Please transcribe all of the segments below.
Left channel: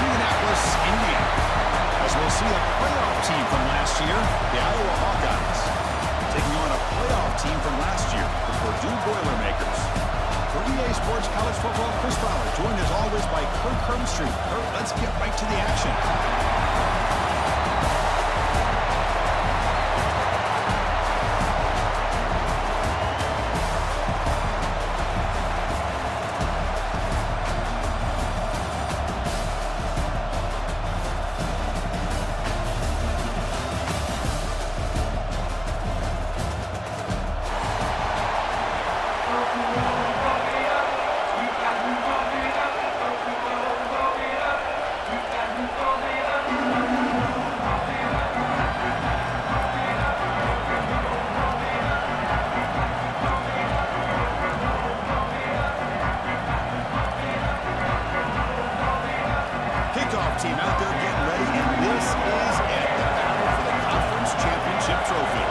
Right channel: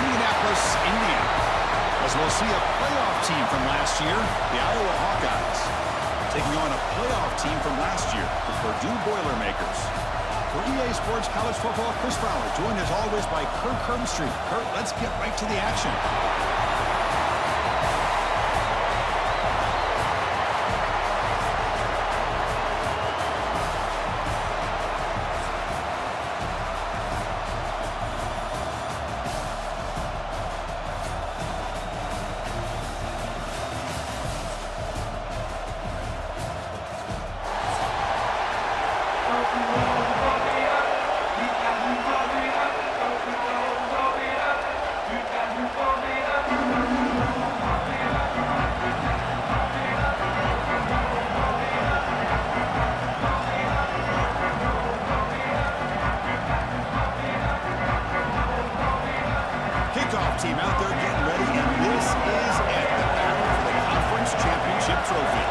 Indianapolis, Indiana. As we'll see a playoff team from last year, the Iowa Hawkeyes, taking on a playoff team from last year, the Purdue Boilermakers. For EA Sports College Football, Chris Fowler, joined as always by Kurt Hermstreet. Kurt, let's get right to the action. Team out there getting ready, and this is it, the battle for the conference championship trophy.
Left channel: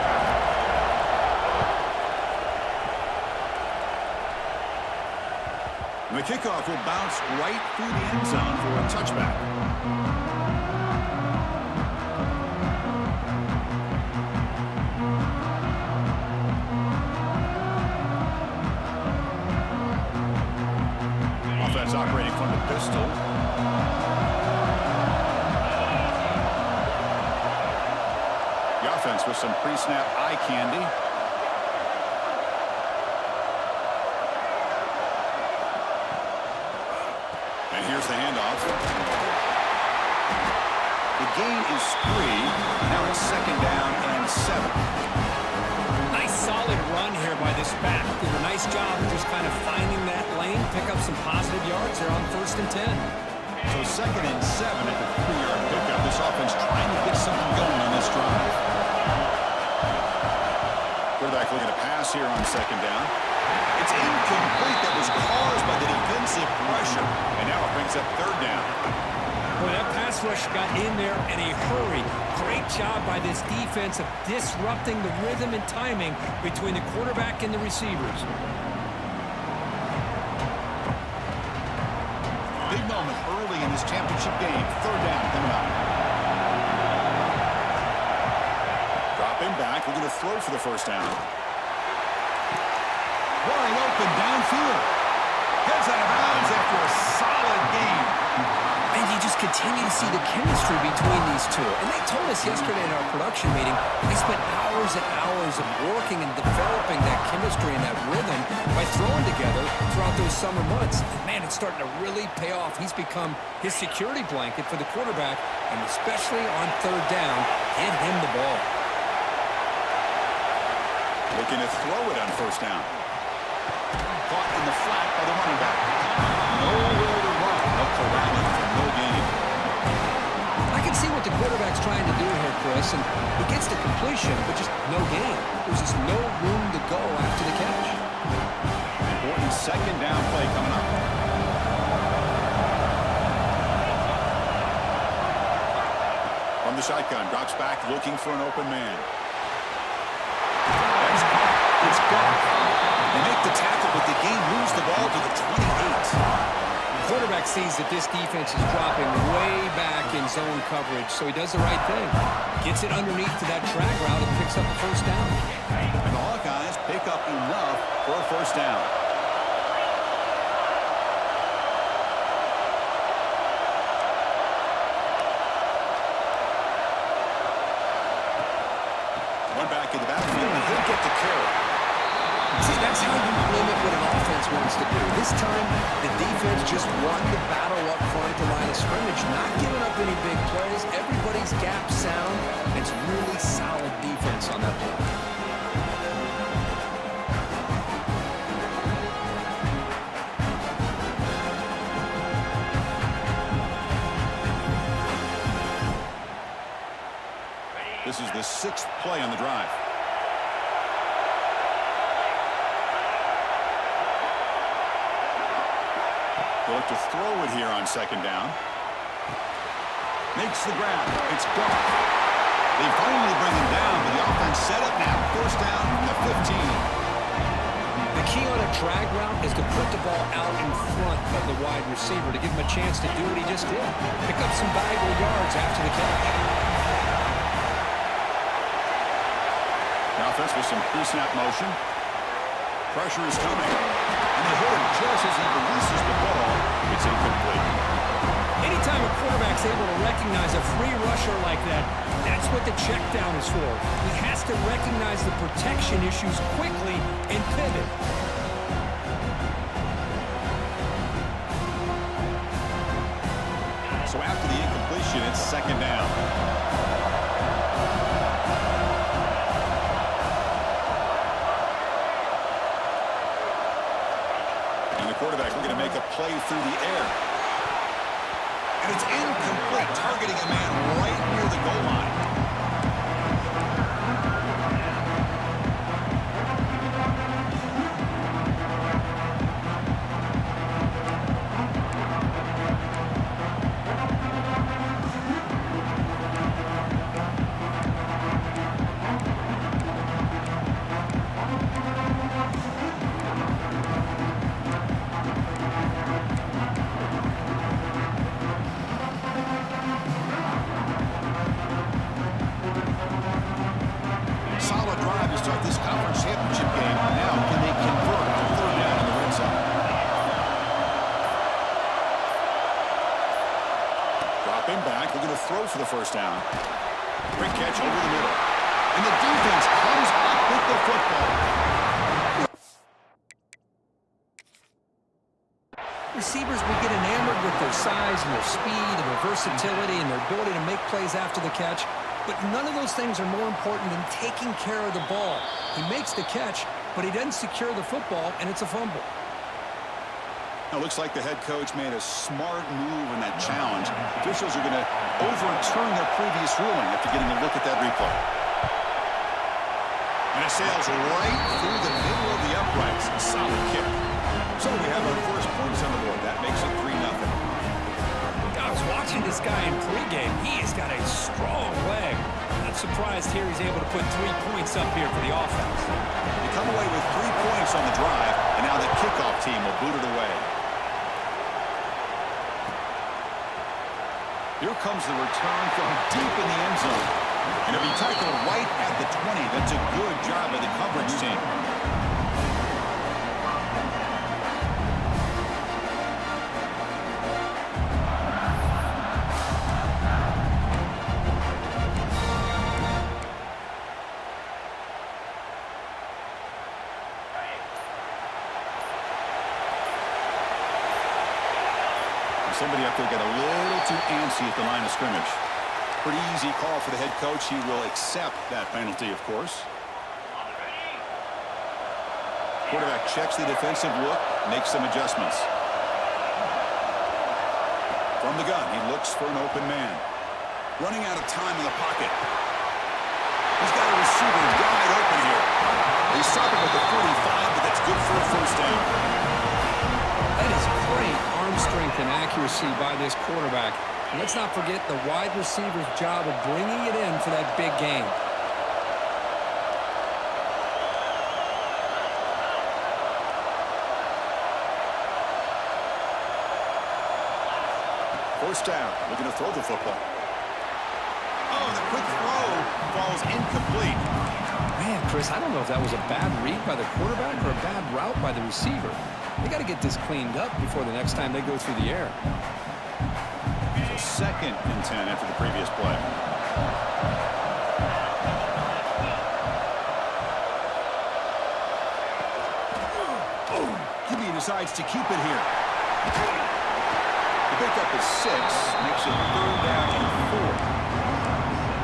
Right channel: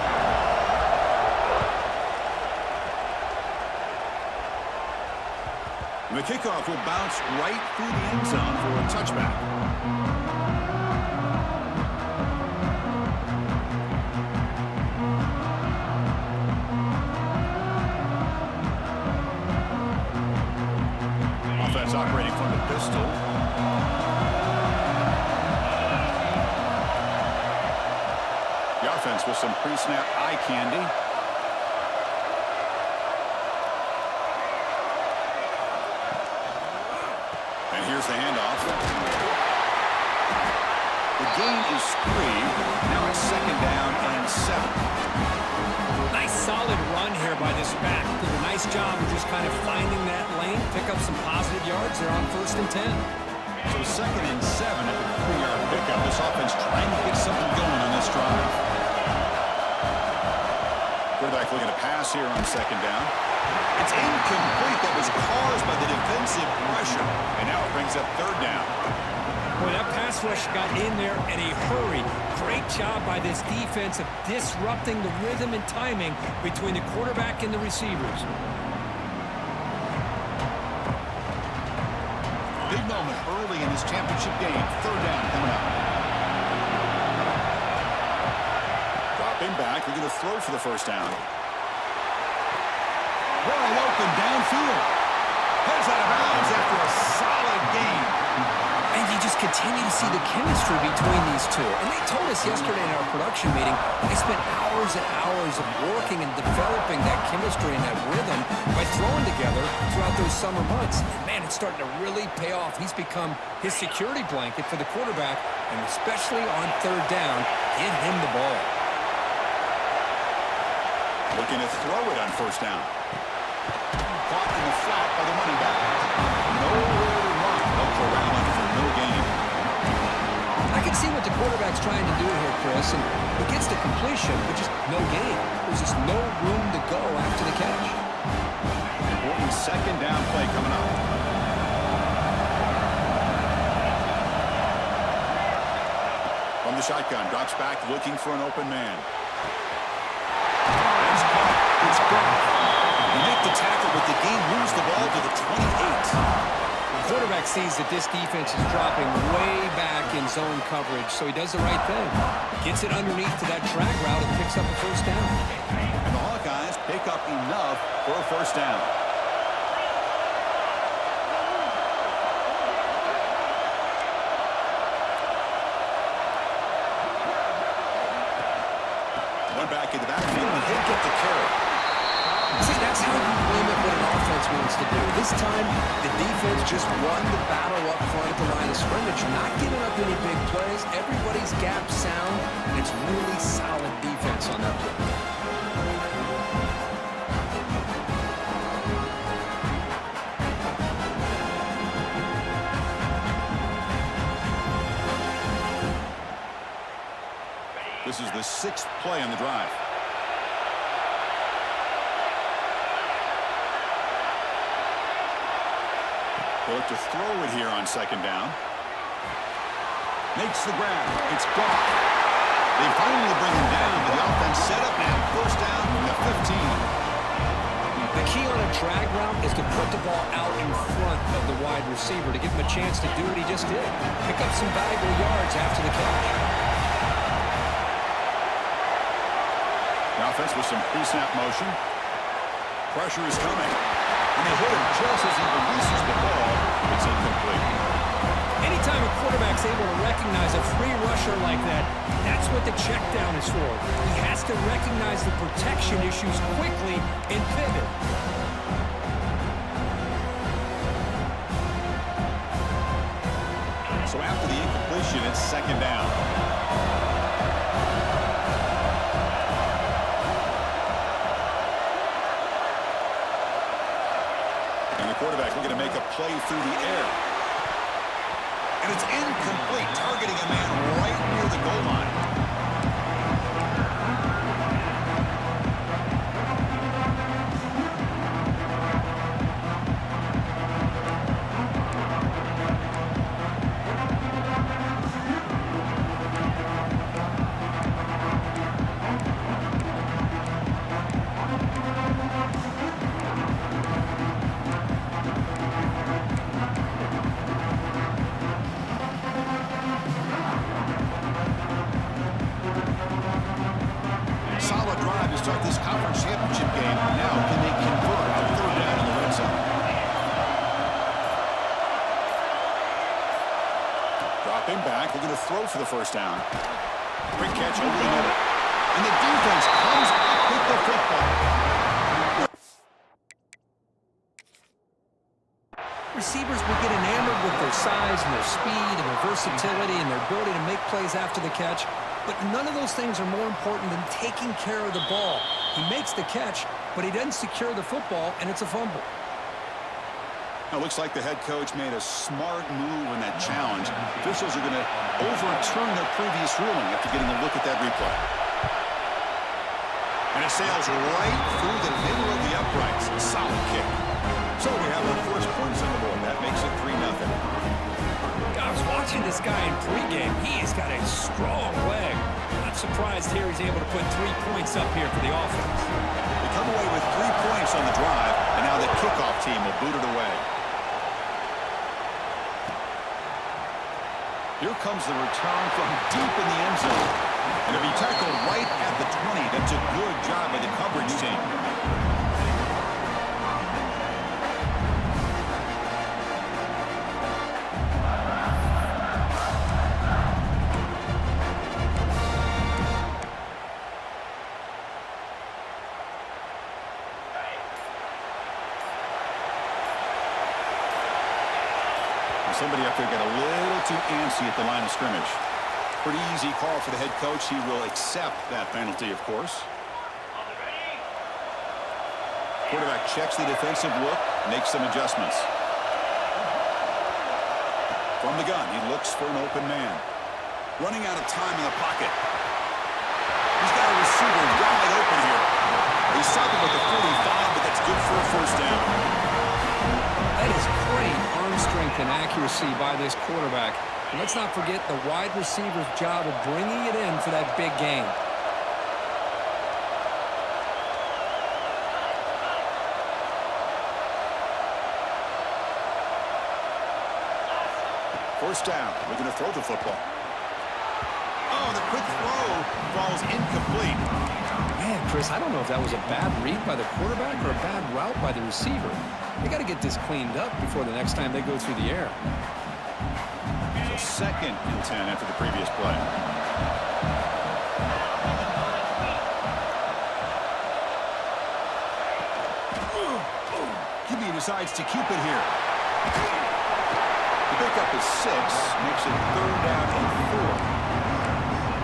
The kickoff will bounce right through the end zone for a touchback. Offense operating from the pistol. The offense with some pre-snap eye candy. And here's the handoff. The gain is 3. Now it's 2nd down and 7. Nice solid run here by this back. Did a nice job of just kind of finding that lane, pick up some positive yards there on 1st and 10. So 2nd and 7 at the 3-yard pickup. This offense trying to get something going on this drive. Quarterback looking to pass here on 2nd down. It's incomplete. That was caused by the defensive pressure. And now it brings up 3rd down. Boy, that pass rush got in there in a hurry. Great job by this defense of disrupting the rhythm and timing between the quarterback and the receivers. Big moment early in this championship game. 3rd down coming up. Dropping back, looking to throw for the 1st down. Wide open downfield. Heads out of bounds after a solid game. And you just continue to see the chemistry between these two. And they told us yesterday in our production meeting, they spent hours and hours of working and developing that chemistry and that rhythm by throwing together throughout those summer months. And man, it's starting to really pay off. He's become his security blanket for the quarterback, and especially on 3rd down, get him the ball. Looking to throw it on 1st down. Caught in the flat by the running back. Nowhere to run. They'll corral him for no gain. I can see what the quarterback's trying to do here, Chris, and he gets the completion, but just no gain. There's just no room to go after the catch. Important 2nd down play coming up. From the shotgun, drops back looking for an open man. That's caught. It's gone. They make the tackle, but the game moves the ball to the 28. The quarterback sees that this defense is dropping way back in zone coverage, so he does the right thing. Gets it underneath to that track route and picks up a 1st down. And the Hawkeyes pick up enough for a 1st down. One back in the backfield, and he'll get the carry. See, that's how you limit what an offense wants to do. This time, the defense just won the battle up front at the line of scrimmage, not giving up any big plays. Everybody's gap sound. It's really solid defense on that play. This is the 6th play on the drive. They'll look to throw it here on 2nd down. Makes the grab. It's gone. They finally bring him down, but the offense set up now. 1st down from the 15. The key on a drag route is to put the ball out in front of the wide receiver to give him a chance to do what he just did. Pick up some valuable yards after the catch. The offense with some pre-snap motion. Pressure is coming. And they hit him just as he releases the ball. It's incomplete. Anytime a quarterback's able to recognize a free rusher like that, that's what the check down is for. He has to recognize the protection issues quickly and pivot. So after the incompletion, it's second down. And the quarterback looking to make a play through the air. And it's incomplete, targeting a man right near the goal line. Solid drive to start this conference championship game. Now, can they convert on third down in the red zone? Dropping back, looking to throw for the first down. Great catch over the middle. And the defense comes up with the football. Receivers will get enamored with their size and their speed and their versatility and their ability to make plays after the catch. But none of those things are more important than taking care of the ball. He makes the catch, but he doesn't secure the football, and it's a fumble. Now, it looks like the head coach made a smart move in that challenge. Officials are going to overturn their previous ruling after getting a look at that replay. And it sails right through the middle of the uprights. Solid kick. So we have our first points on the board. That makes it 3-0. I was watching this guy in pregame. He has got a strong leg. Not surprised here he's able to put 3 points up here for the offense. They come away with 3 points on the drive, and now the kickoff team will boot it away. Here comes the return from deep in the end zone. And it'll be tackled right at the 20. That's a good job by the coverage team. Somebody up there got a little too antsy at the line of scrimmage. Pretty easy call for the head coach. He will accept that penalty, of course. Quarterback checks the defensive look, makes some adjustments. From the gun, he looks for an open man. Running out of time in the pocket. He's got a receiver wide open here. He's stopping with the 45, but that's good for a first down. That is great arm strength and accuracy by this quarterback. And let's not forget the wide receiver's job of bringing it in for that big game. First down, looking to throw the football. Oh, the quick throw falls incomplete. Man, Chris, I don't know if that was a bad read by the quarterback or a bad route by the receiver. They got to get this cleaned up before the next time they go through the air. So second and 10 after the previous play. QB decides to keep it here. The pickup is 6, makes it third down and 4.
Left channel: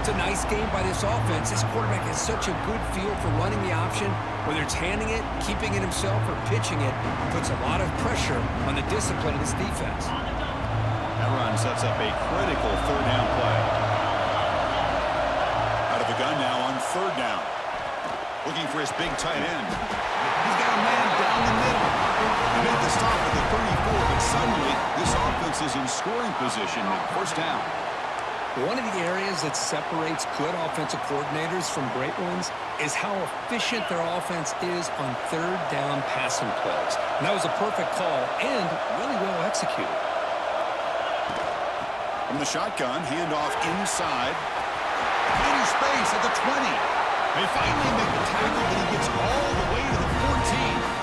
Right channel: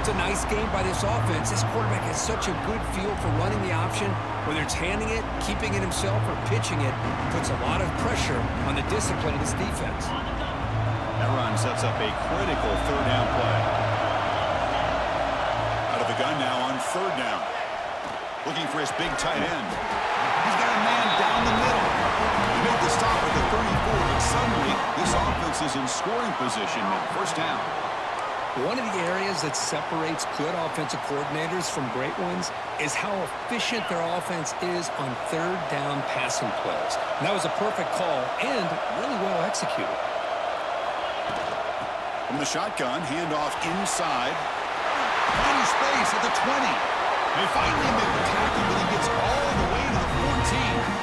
It's a nice game by this offense. This quarterback has such a good feel for running the option. Whether it's handing it, keeping it himself, or pitching it, puts a lot of pressure on the discipline of this defense. That run sets up a critical third down play. Out of the gun now on third down. Looking for his big tight end. He's got a man down the middle. He made the stop at the 34, but suddenly this offense is in scoring position at first down. One of the areas that separates good offensive coordinators from great ones is how efficient their offense is on third down passing plays. And that was a perfect call and really well executed. From the shotgun, handoff inside. Finding space at the 20. They finally make the tackle, but he gets all the way to the 14.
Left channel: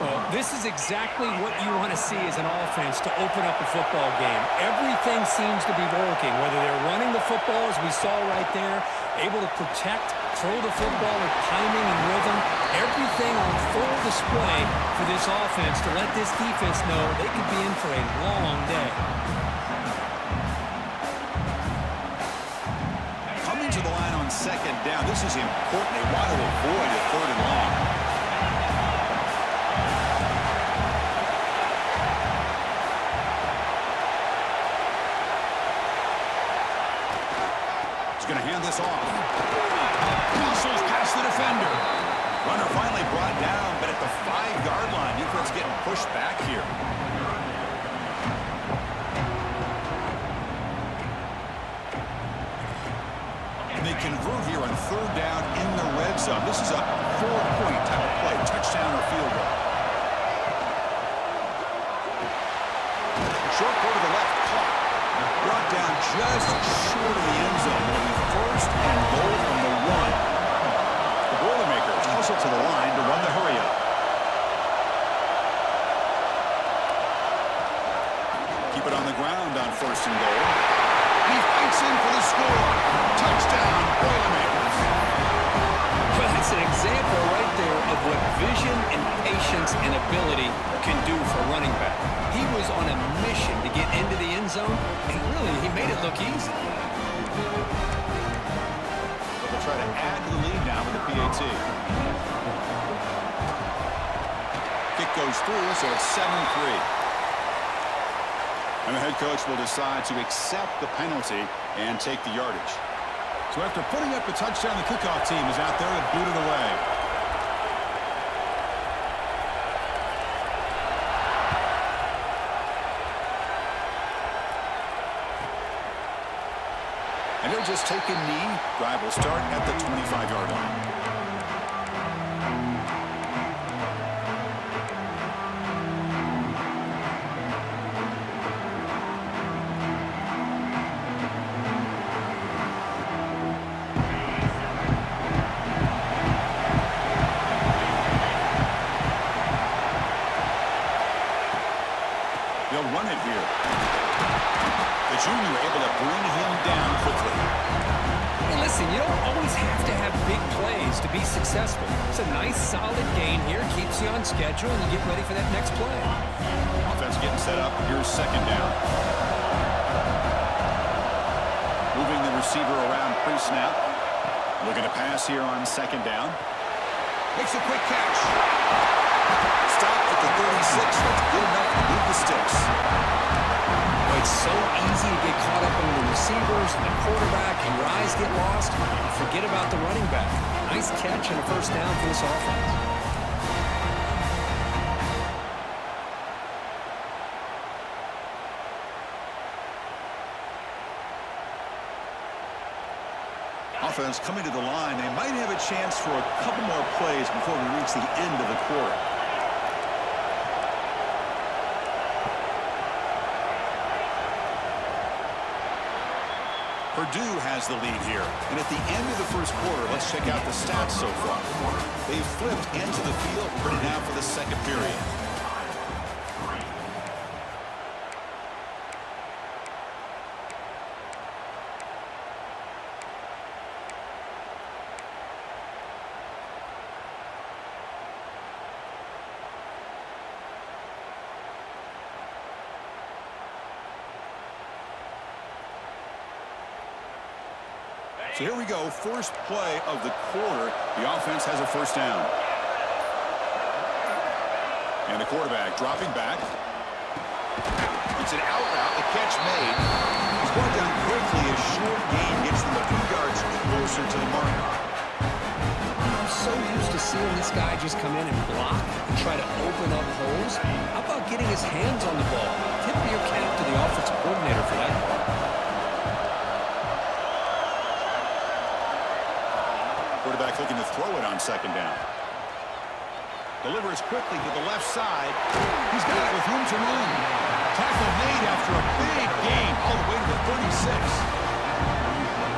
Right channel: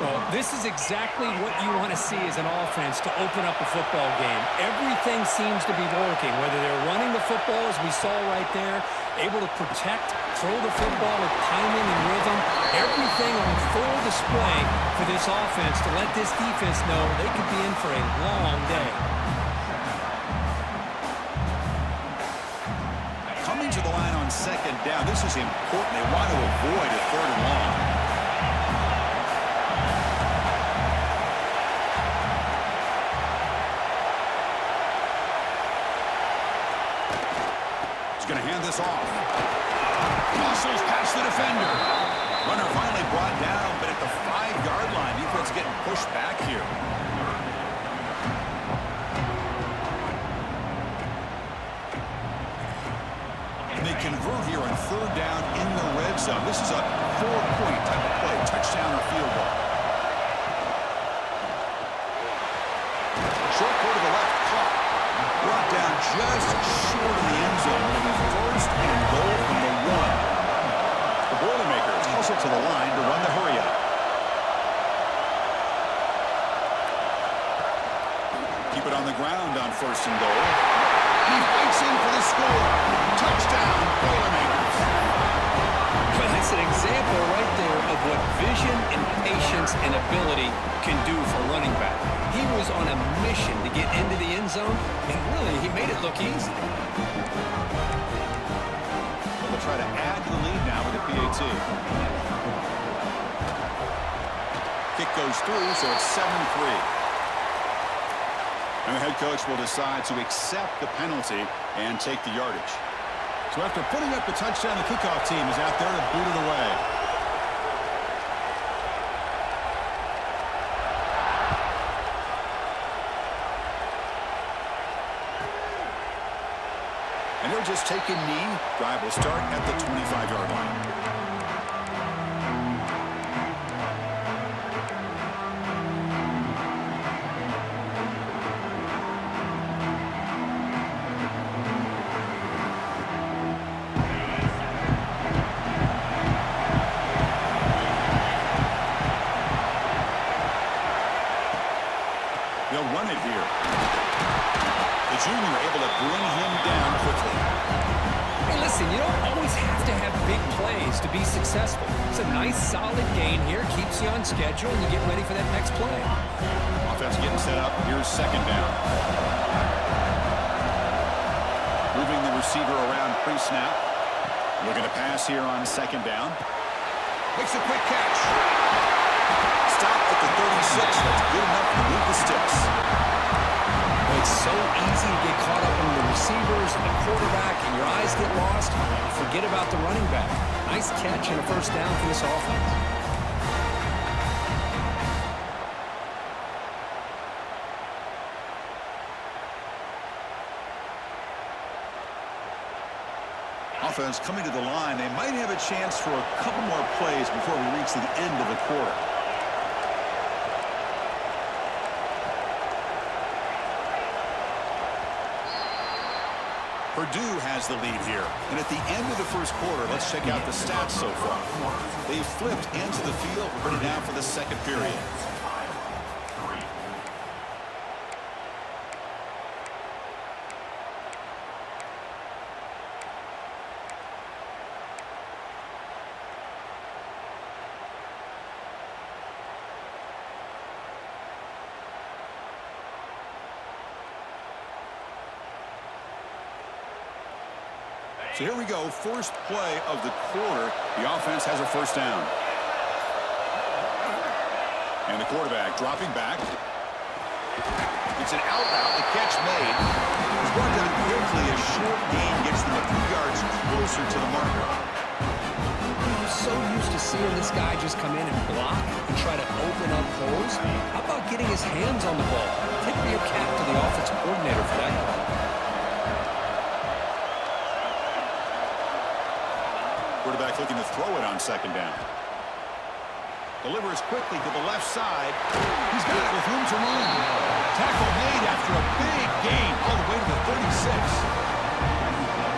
Well, this is exactly what you want to see as an offense to open up a football game. Everything seems to be working, whether they're running the football, as we saw right there, able to protect, throw the football with timing and rhythm. Everything on full display for this offense to let this defense know they could be in for a long day. Coming to the line on second down, this is important. They want to avoid a third and long. Going to hand this off. Muscles past the defender. Runner finally brought down, but at the 5-yard line, defense getting pushed back here. And they convert here on third down in the red zone. This is a 4-point type of play, touchdown or field goal. Short go to the left, clock. Brought down just short of the end zone. It'll be first and goal from the 1. The Boilermakers hustle to the line to run the hurry-up. Keep it on the ground on first and goal. And he fights in for the score. Touchdown, Boilermakers. Well, that's an example right there of what vision and patience and ability can do for a running back. He was on a mission to get into the end zone, and really, he made it look easy. But they'll try to add to the lead now with the PAT. Kick goes through, so it's 7-3. And the head coach will decide to accept the penalty and take the yardage. So after putting up the touchdown, the kickoff team is out there to boot it away. And he'll just take a knee. Drive will start at the 25-yard line. They'll run it here. The junior able to bring him down quickly. Hey, listen, you don't always have to have big plays to be successful. It's a nice, solid gain here. Keeps you on schedule, and you get ready for that next play. Offense getting set up. Here's second down. Moving the receiver around pre-snap. Looking to pass here on second down. Makes a quick catch. Stop at the 36. That's good enough to move the sticks. Well, it's so easy to get caught up in the receivers and the quarterback, and your eyes get lost. You forget about the running back. Nice catch and a first down for this offense. Offense coming to the line. They might have a chance for a couple more plays before we reach the end of the quarter. Purdue has the lead here. And at the end of the first quarter, let's check out the stats so far. They've flipped into the field, ready now for the second period. So here we go, first play of the quarter. The offense has a first down. And the quarterback dropping back. It's an out route, the catch made. It's brought down quickly. A short gain gets them a few yards closer to the marker. I'm so used to seeing this guy just come in and block and try to open up holes. How about getting his hands on the ball? Tip of your cap to the offensive coordinator for that call. Quarterback looking to throw it on second down. Delivers quickly to the left side. He's got it with room to run. Tackle made after a big gain all the way to the 36.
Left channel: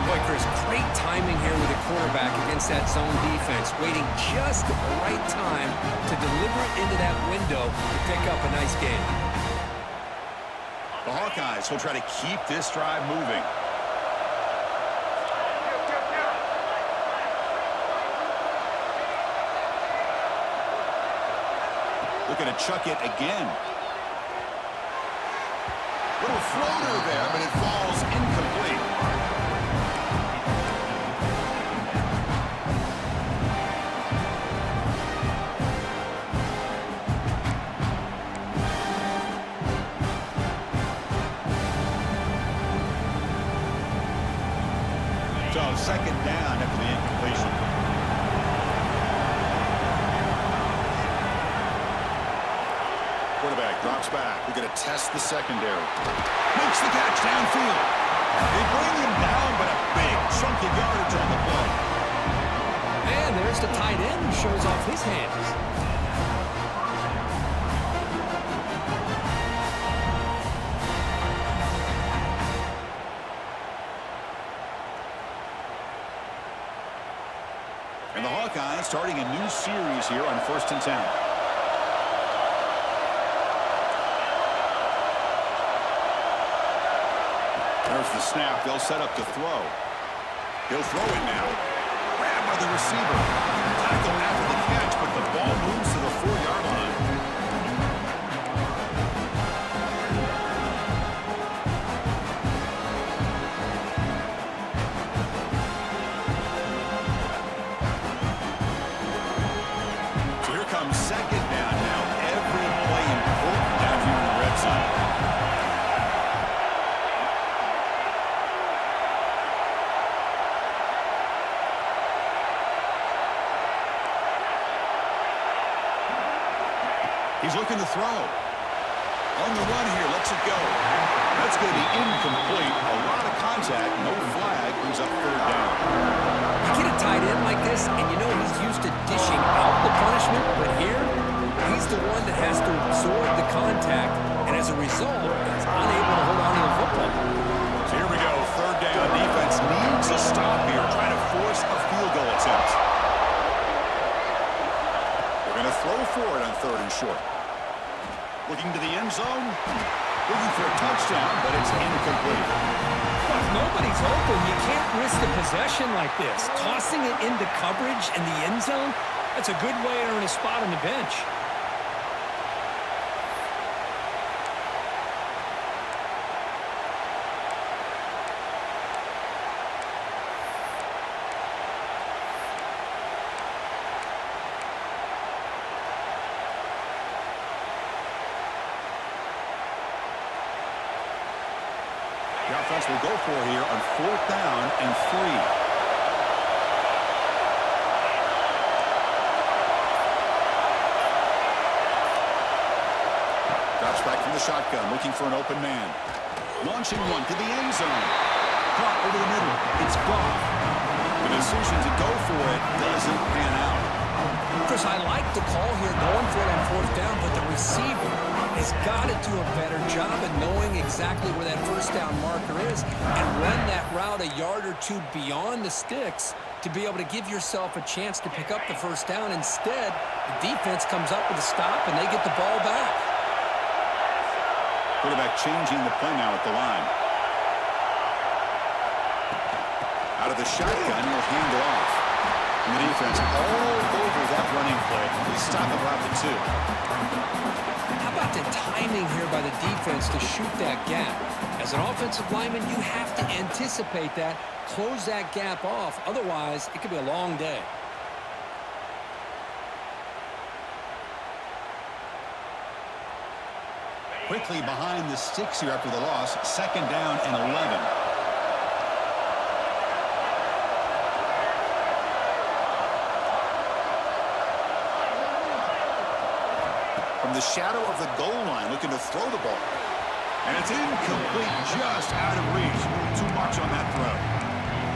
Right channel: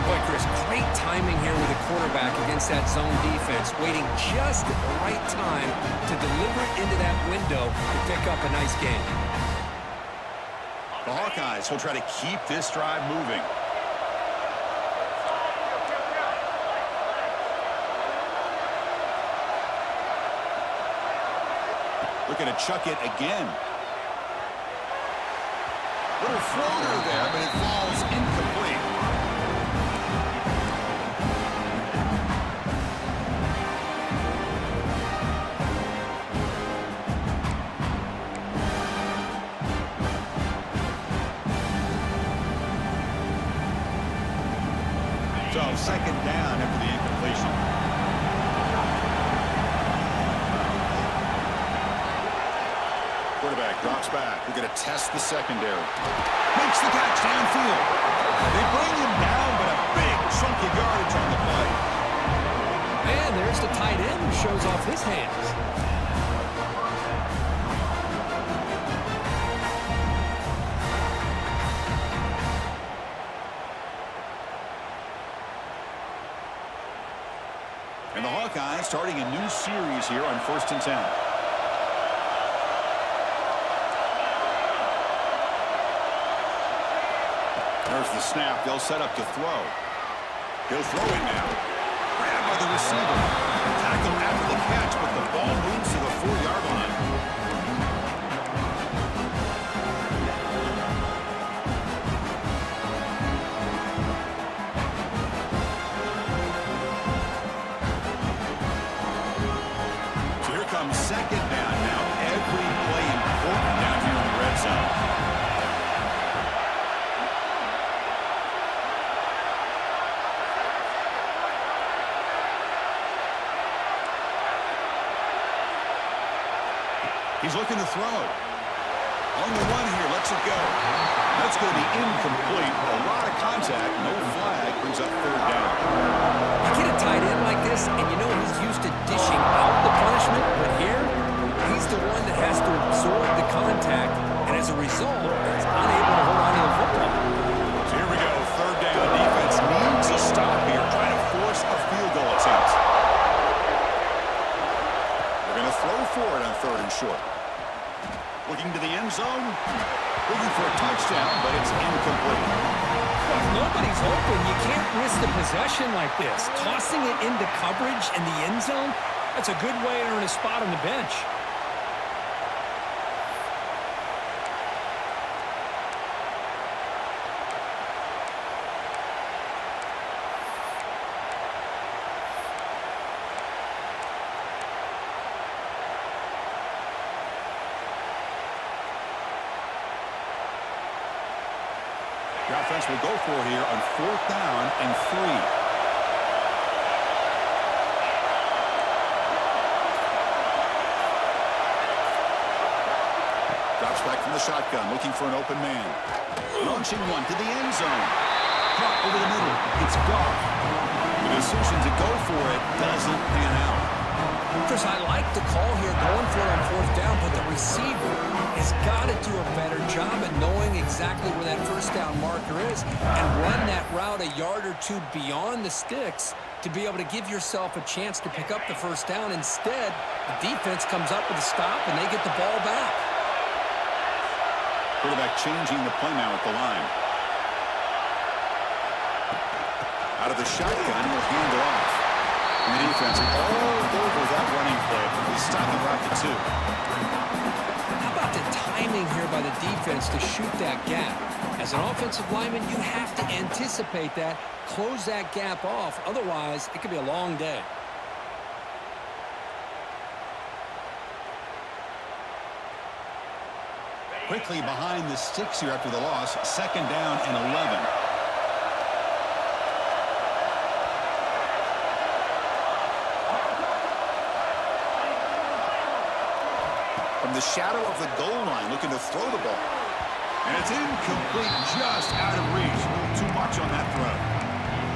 Boy, Chris, great timing here with the quarterback against that zone defense, waiting just at the right time to deliver it into that window to pick up a nice gain. The Hawkeyes will try to keep this drive moving. Looking to chuck it again. Little floater there, but it falls incomplete. So second down after the incompletion. Quarterback drops back. We're going to test the secondary. Makes the catch downfield. They bring him down, but a big chunk of yardage on the play. And there's the tight end who shows off his hands. And the Hawkeyes starting a new series here on 1st and 10. There's the snap. They'll set up to throw. He'll throw it now. Grabbed by the receiver. Tackle after the catch, but the ball moves to the 4-yard line. So here comes second down now. Every play important down here in the red zone. He's looking to throw. On the run here, lets it go. That's going to be incomplete. A lot of contact, no flag, brings up third down. You get a tight end like this, and you know he's used to dishing out the punishment, but here, he's the one that has to absorb the contact, and as a result, he's unable to hold on to the football. So here we go, third down. Defense needs a stop here, trying to force a field goal attempt. They're going to throw for it on 3rd and short. Looking to the end zone. Looking for a touchdown, but it's incomplete. Well, if nobody's open, you can't risk the possession like this. Tossing it into coverage in the end zone, that's a good way to earn a spot on the bench. The offense will go for here on 4th down and 3. Drops back from the shotgun, looking for an open man. Launching one to the end zone. Caught over the middle. It's Goff. The decision to go for it doesn't pan out. Chris, I like the call here going for it on 4th down, but the receiver has got to do a better job of knowing exactly where that 1st down marker is and run that route a yard or two beyond the sticks to be able to give yourself a chance to pick up the 1st down. Instead, the defense comes up with a stop and they get the ball back. Quarterback changing the play now at the line. Out of the shotgun, he'll hand it off. And the defense all over that running play. They stop him about the 2. How about the timing here by the defense to shoot that gap? As an offensive lineman, you have to anticipate that, close that gap off. Otherwise, it could be a long day. Quickly behind the sticks here after the loss. 2nd down and 11. From the shadow of the goal line, looking to throw the ball. And it's incomplete, just out of reach. A little too much on that throw.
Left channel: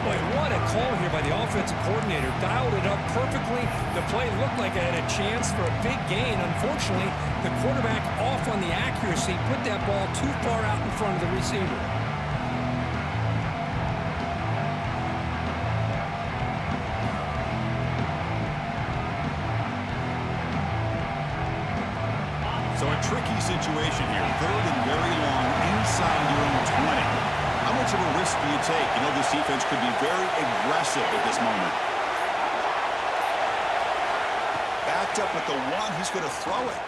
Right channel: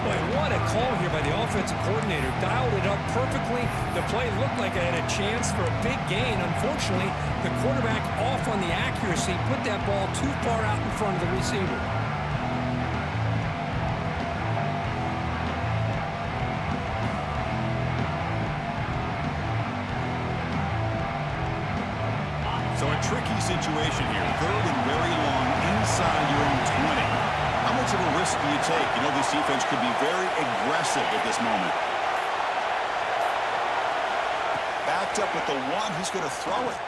Boy, what a call here by the offensive coordinator. Dialed it up perfectly. The play looked like it had a chance for a big gain. Unfortunately, the quarterback off on the accuracy, put that ball too far out in front of the receiver. So a tricky situation here. Third and very long inside your own 20. How much of a risk do you take? You know, this defense could be very aggressive at this moment. Backed up with the one. He's going to throw it.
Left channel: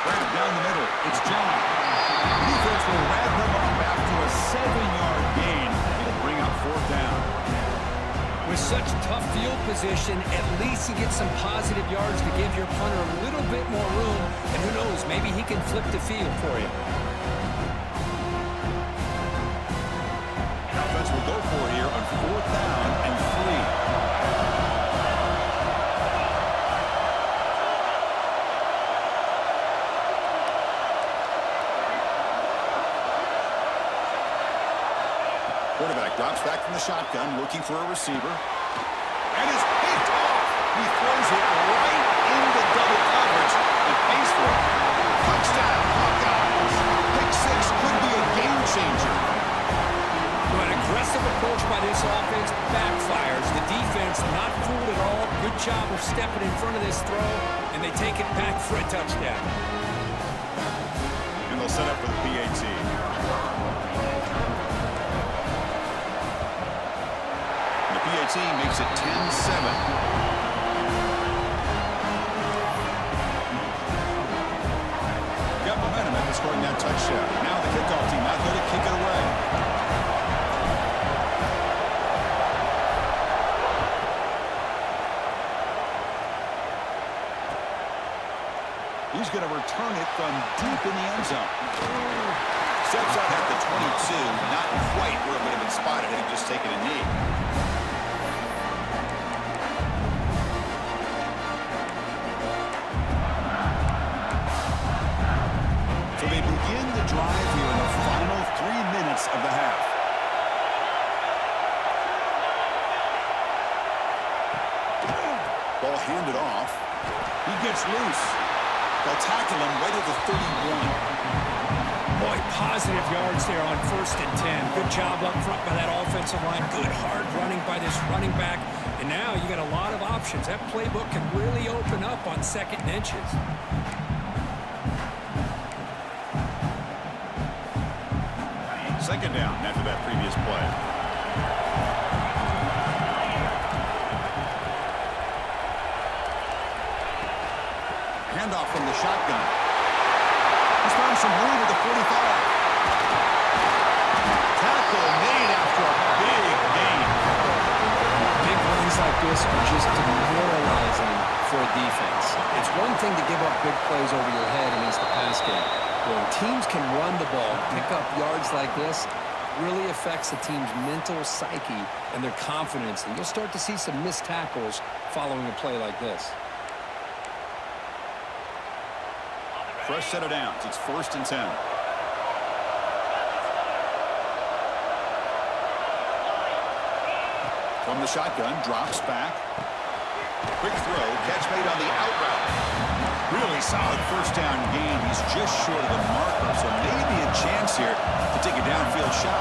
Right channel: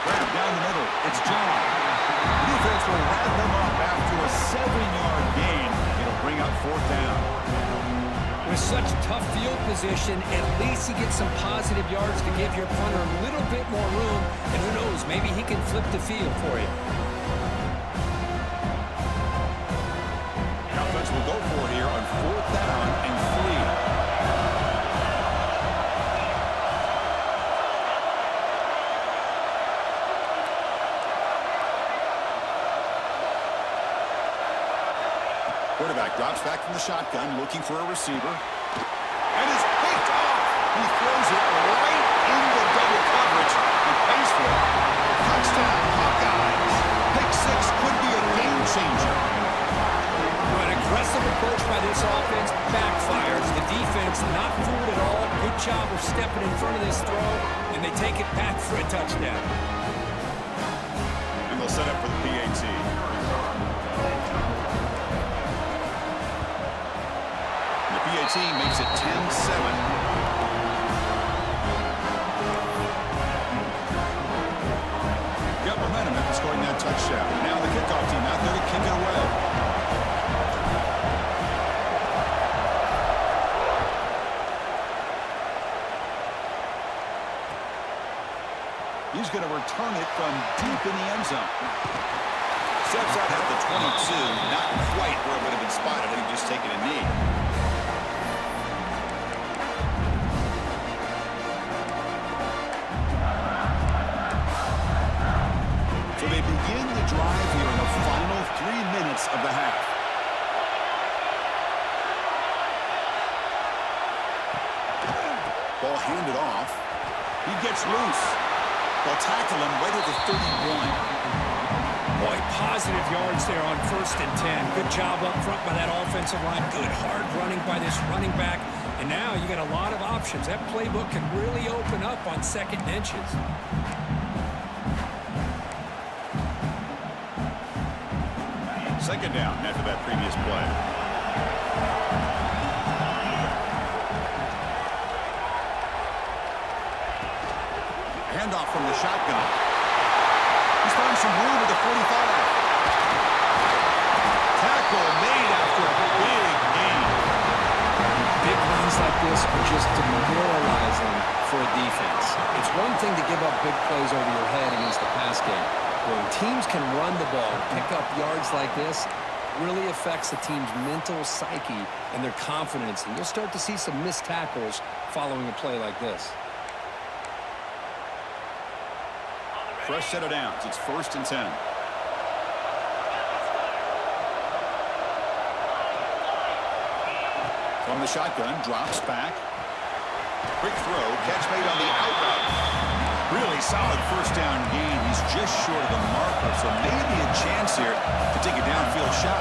Grab down the middle. It's John. Defense will wrap him up after a 7-yard gain. It'll bring up 4th down. With such tough field position, at least you get some positive yards to give your punter a little bit more room. And who knows, maybe he can flip the field for you. The offense will go for it here on 4th down and 3. Quarterback drops back from the shotgun, looking for a receiver. And is picked off. He throws it right into double coverage and pays for it. Touchdown, Hawkeyes. Pick 6 could be a game changer. An aggressive approach by this offense backfires. The defense not fooled at all. Good job of stepping in front of this throw, and they take it back for a touchdown. And they'll set up for the PAT. The PAT makes it 10-7. Got momentum after scoring that touchdown. Now the kickoff team out there to kick it away. He's going to return it from deep in the end zone. Steps out at the 22. Not quite where it would have been spotted had he just taken a knee. So they begin the drive here in the final 3 minutes of the half. Ball handed off. He gets loose. They'll tackle him right at the 31. Boy, positive yards there on 1st and 10. Good job up front by that offensive line. Good hard running by this running back. And now you got a lot of options. That playbook can really open up on 2nd and inches. Second down after that previous play. Handoff from the shotgun. He's found some room at the 45. Tackle made after a big gain. Big runs like this are just demoralizing for a defense. It's one thing to give up big plays over your head against the pass game. When teams can run the ball, pick up yards like this, really affects the team's mental psyche and their confidence. And you'll start to see some missed tackles following a play like this. Fresh set of downs. It's 1st and 10. From the shotgun, drops back. Quick throw, catch made on the out route. Really solid 1st down gain. He's just short of the marker, so maybe a chance here to take a downfield shot.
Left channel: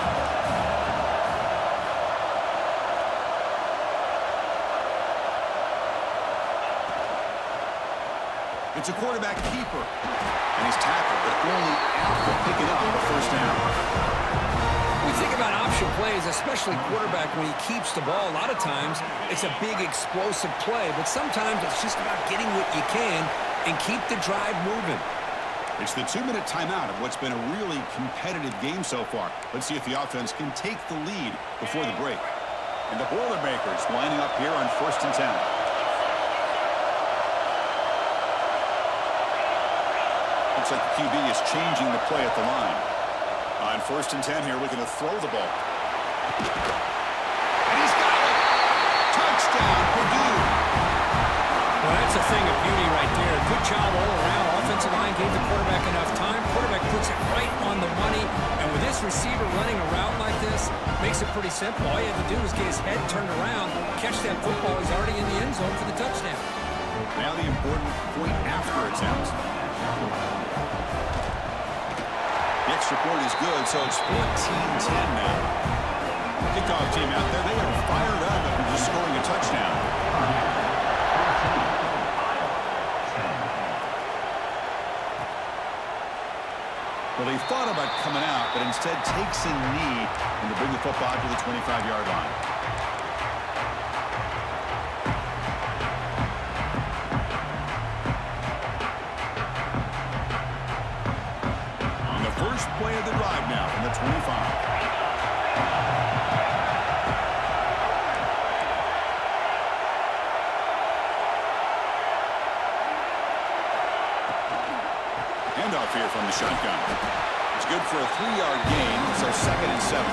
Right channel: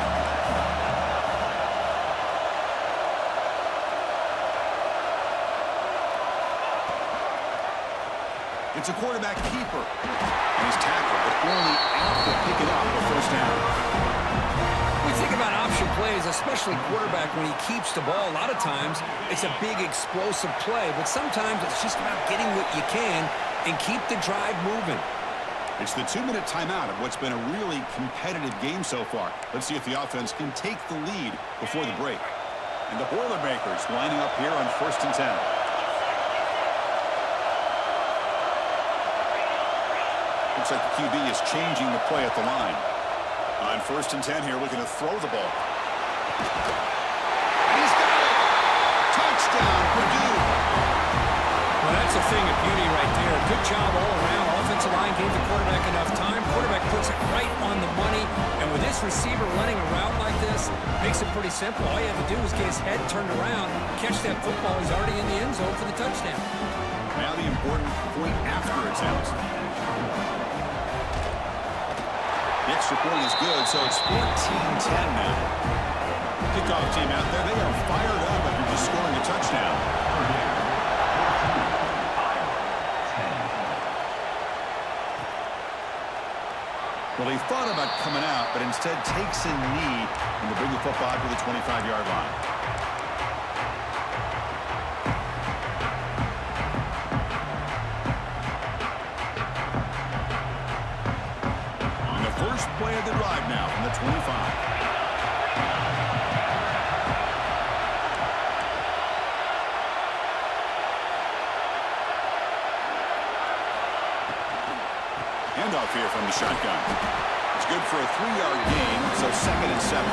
It's a quarterback keeper. And he's tackled, but only after picking up a 1st down. We think about option plays, especially quarterback when he keeps the ball. A lot of times, it's a big explosive play, but sometimes it's just about getting what you can and keep the drive moving. It's the 2-minute timeout of what's been a really competitive game so far. Let's see if the offense can take the lead before the break. And the Boilermakers lining up here on 1st and 10. Looks like the QB is changing the play at the line. On 1st and 10 here, looking to throw the ball. And he's got it! Touchdown, Purdue! Well, that's a thing of beauty right there. Good job all around. Offensive line gave the quarterback enough time. Quarterback puts it right on the money. And with With this receiver running a route like this, makes it pretty simple. All you have to do is get his head turned around, catch that football. He's already in the end zone for the touchdown. Now the important point after attempt. The extra point is good, so it's 14-10 now. Kickoff team out there, they are fired up after just scoring a touchdown. Well, he thought about coming out, but instead takes a knee and to bring the football to the 25-yard line. And the first play of the drive now from the 25. Handoff here from the shotgun. It's good for a 3-yard gain, so 2nd and 7.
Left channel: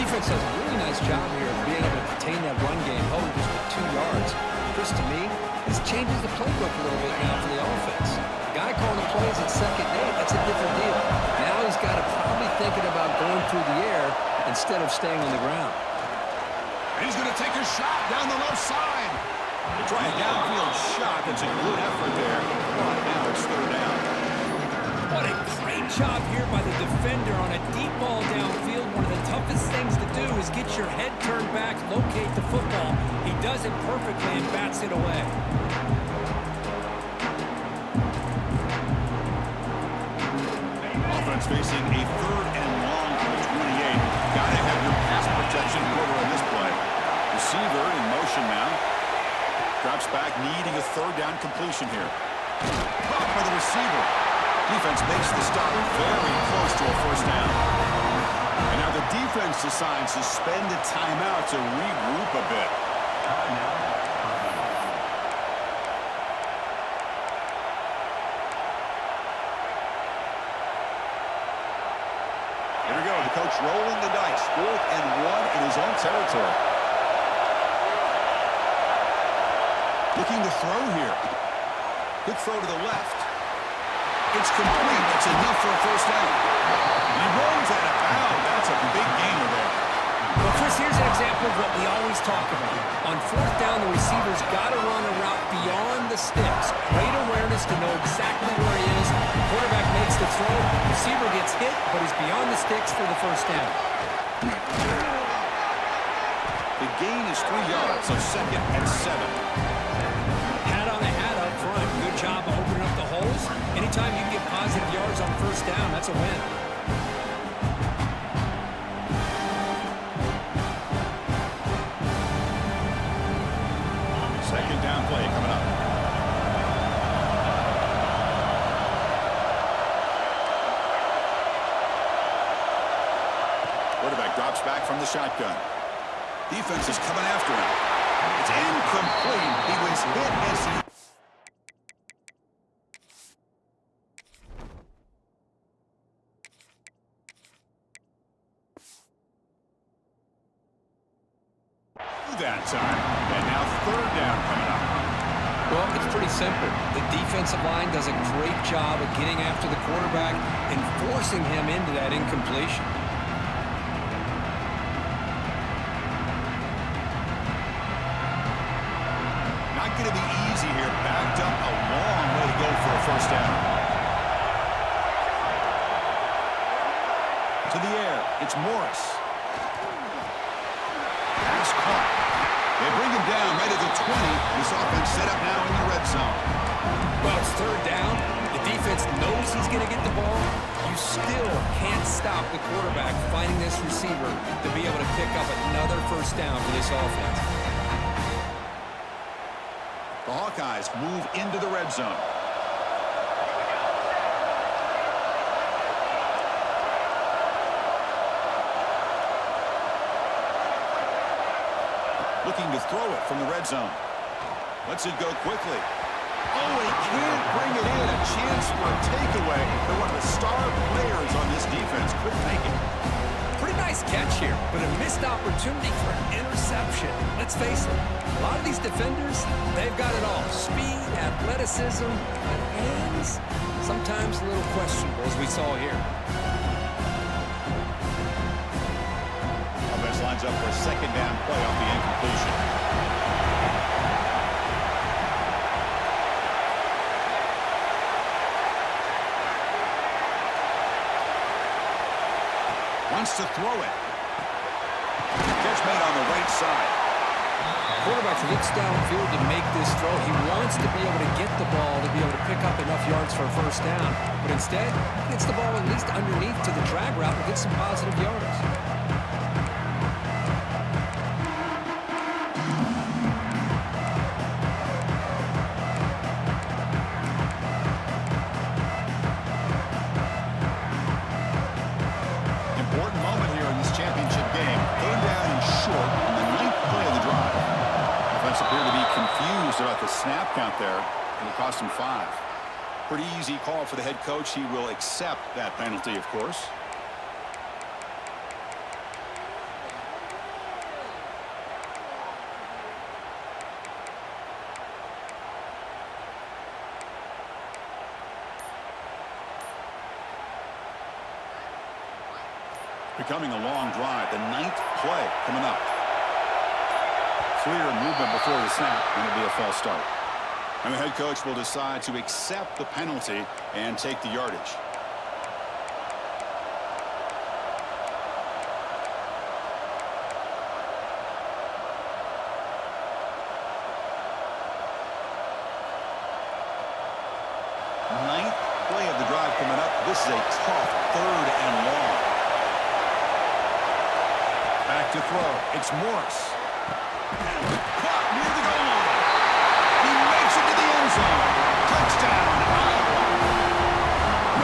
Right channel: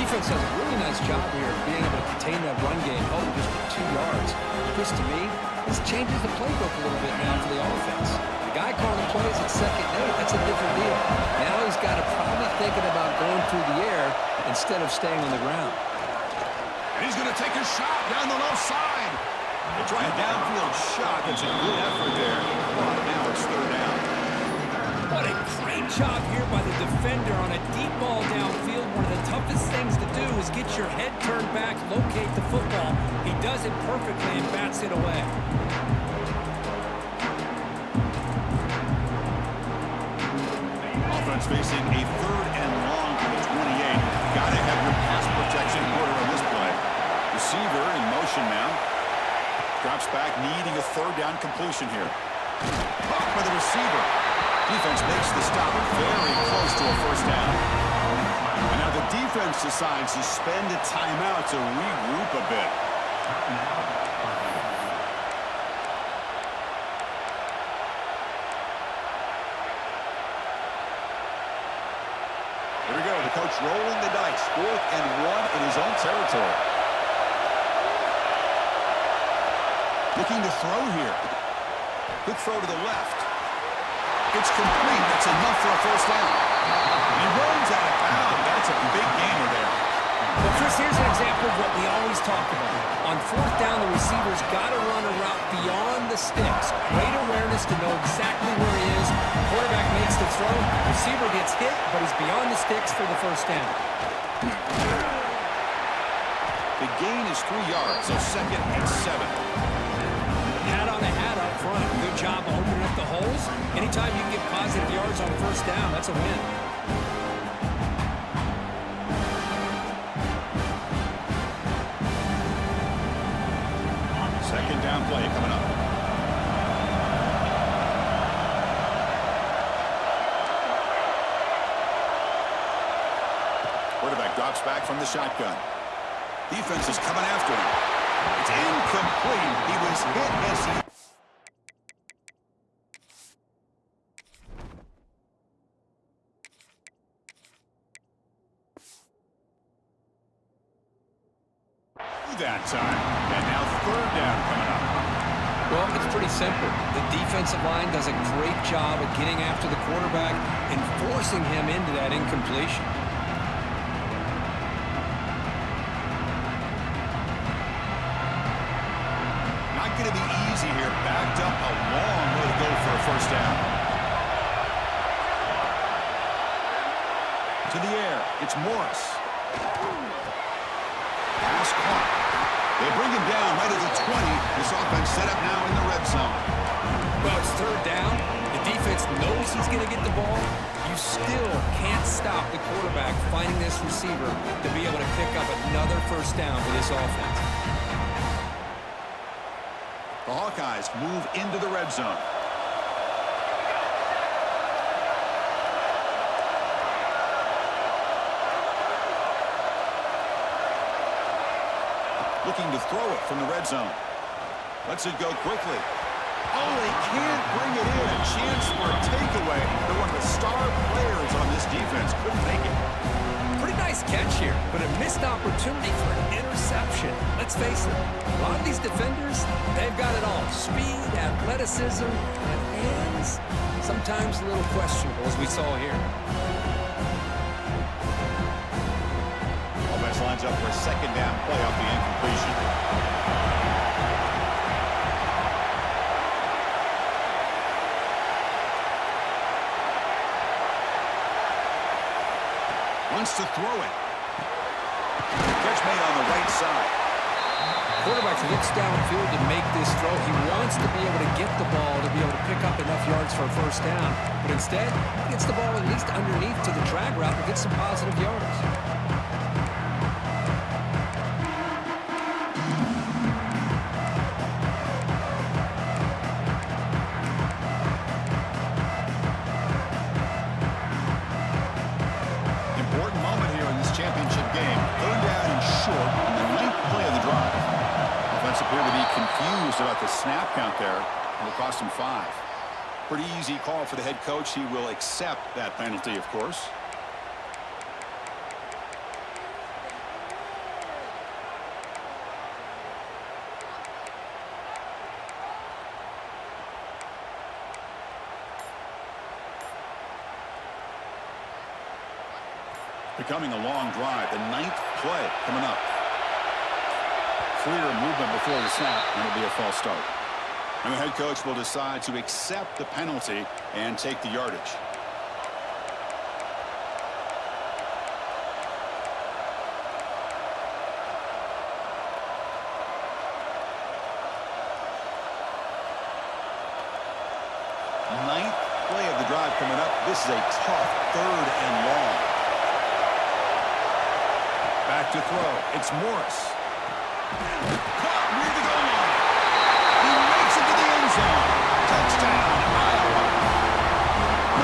Defense does a really nice job here of being able to contain that run game, holding just at 2 yards. Chris, to me, this changes the playbook a little bit now for the offense. The guy calling the plays at 2nd and 8, that's a different deal. Now he's got to probably thinking about going through the air instead of staying on the ground. And he's going to take a shot down the left side. They try a downfield shot. That's a good effort there. But now it's 3rd down. What a great job here by the defender on a deep ball downfield. One of the toughest things to do is get your head turned back, locate the football. He does it perfectly and bats it away. Offense facing a 3rd and long for the 28. Got to have your pass protection quarter on this play. Receiver in motion now. Drops back, needing a 3rd down completion here. Caught by the receiver. Defense makes the stop very close to a 1st down. And now the defense decides to spend a timeout to regroup a bit. Here we go. The coach rolling the dice. 4th and 1 in his own territory. Looking to throw here. Quick throw to the left. It's complete. That's enough for a 1st down. And he runs out of bounds. That's a big gainer there. Well, Chris, here's an example of what we always talk about. On 4th down, the receiver's got to run a route beyond the sticks. Great awareness to know exactly where he is. Quarterback makes the throw. Receiver gets hit, but he's beyond the sticks for the 1st down. The gain is 3 yards, so 2nd and 7. Hat on a hat up front. Good job of opening up the holes. Anytime you can get positive yards on 1st down, that's a win. Second down play coming up. Quarterback drops back from the shotgun. Defense is coming after him. It's incomplete. He was hit as he... that time. And now 3rd down coming up. Well, it's pretty simple. The defensive line does a great job of getting after the quarterback and forcing him into that incompletion. Not going to be easy here. Backed up a long way to go for a 1st down. To the air. It's Morris. Pass caught. They bring him down right at the 20. This offense set up now in the red zone. Well, it's 3rd down. The defense knows he's going to get the ball. You still can't stop the quarterback finding this receiver to be able to pick up another 1st down for this offense. The Hawkeyes move into the red zone. Looking to throw it from the red zone. Lets it go quickly. Oh, he can't bring it in. A chance for a takeaway. But one of the star players on this defense couldn't make it. Pretty nice catch here, but a missed opportunity for an interception. Let's face it, a lot of these defenders, they've got it all. Speed, athleticism, and hands, sometimes a little questionable, as we saw here. offense lines up for a second down play off the incompletion. Wants to throw it. Catch made on the right side. Quarterback looks downfield to make this throw. He wants to be able to get the ball to be able to pick up enough yards for a first down. But instead, he gets the ball at least underneath to the drag route and gets some positive yards. Important moment here in this championship game. Third down and short on the 9th play of the drive. Offense appeared to be confused about the snap count there. It'll cost him 5. Pretty easy call for the head coach. He will accept that penalty, of course. Becoming a long drive. The 9th play coming up. Clear movement before the snap, and it'll be a false start. And the head coach will decide to accept the penalty and take the yardage. Ninth play of the drive coming up. This is a tough 3rd and long. Back to throw. It's Morris. Caught near the goal line. He makes it to the end zone. Touchdown, Iowa.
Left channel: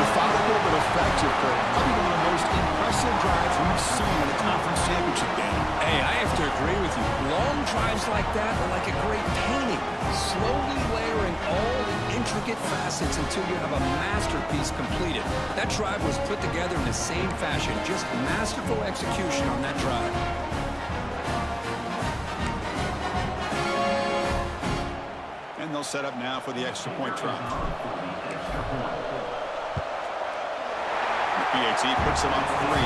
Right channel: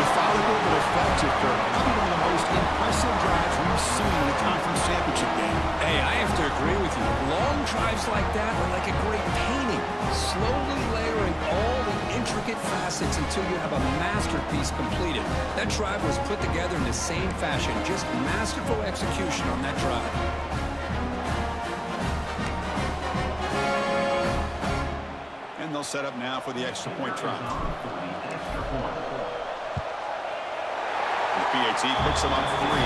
Methodical but effective, Kirk. Probably one of the most impressive drives we've seen in a conference championship game. Hey, I have to agree with you. Long drives like that are like a great painting. Slowly layering all the intricate facets until you have a masterpiece completed. That drive was put together in the same fashion. Just masterful execution on that drive. And they'll set up now for the extra point try. The PAT puts them up 3.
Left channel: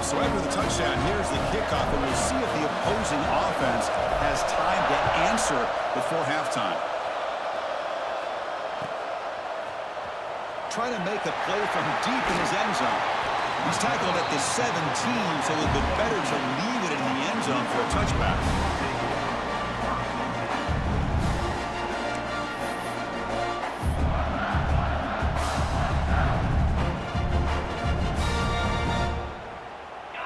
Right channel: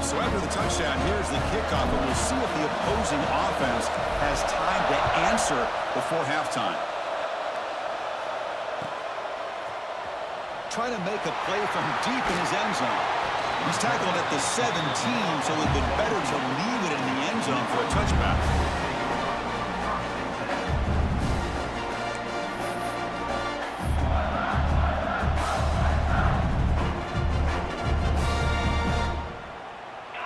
So after the touchdown, here's the kickoff, and we'll see if the opposing offense has time to answer before halftime. Trying to make a play from deep in his end zone. He's tackled at the 17, so it would have been better to leave it in the end zone for a touchback.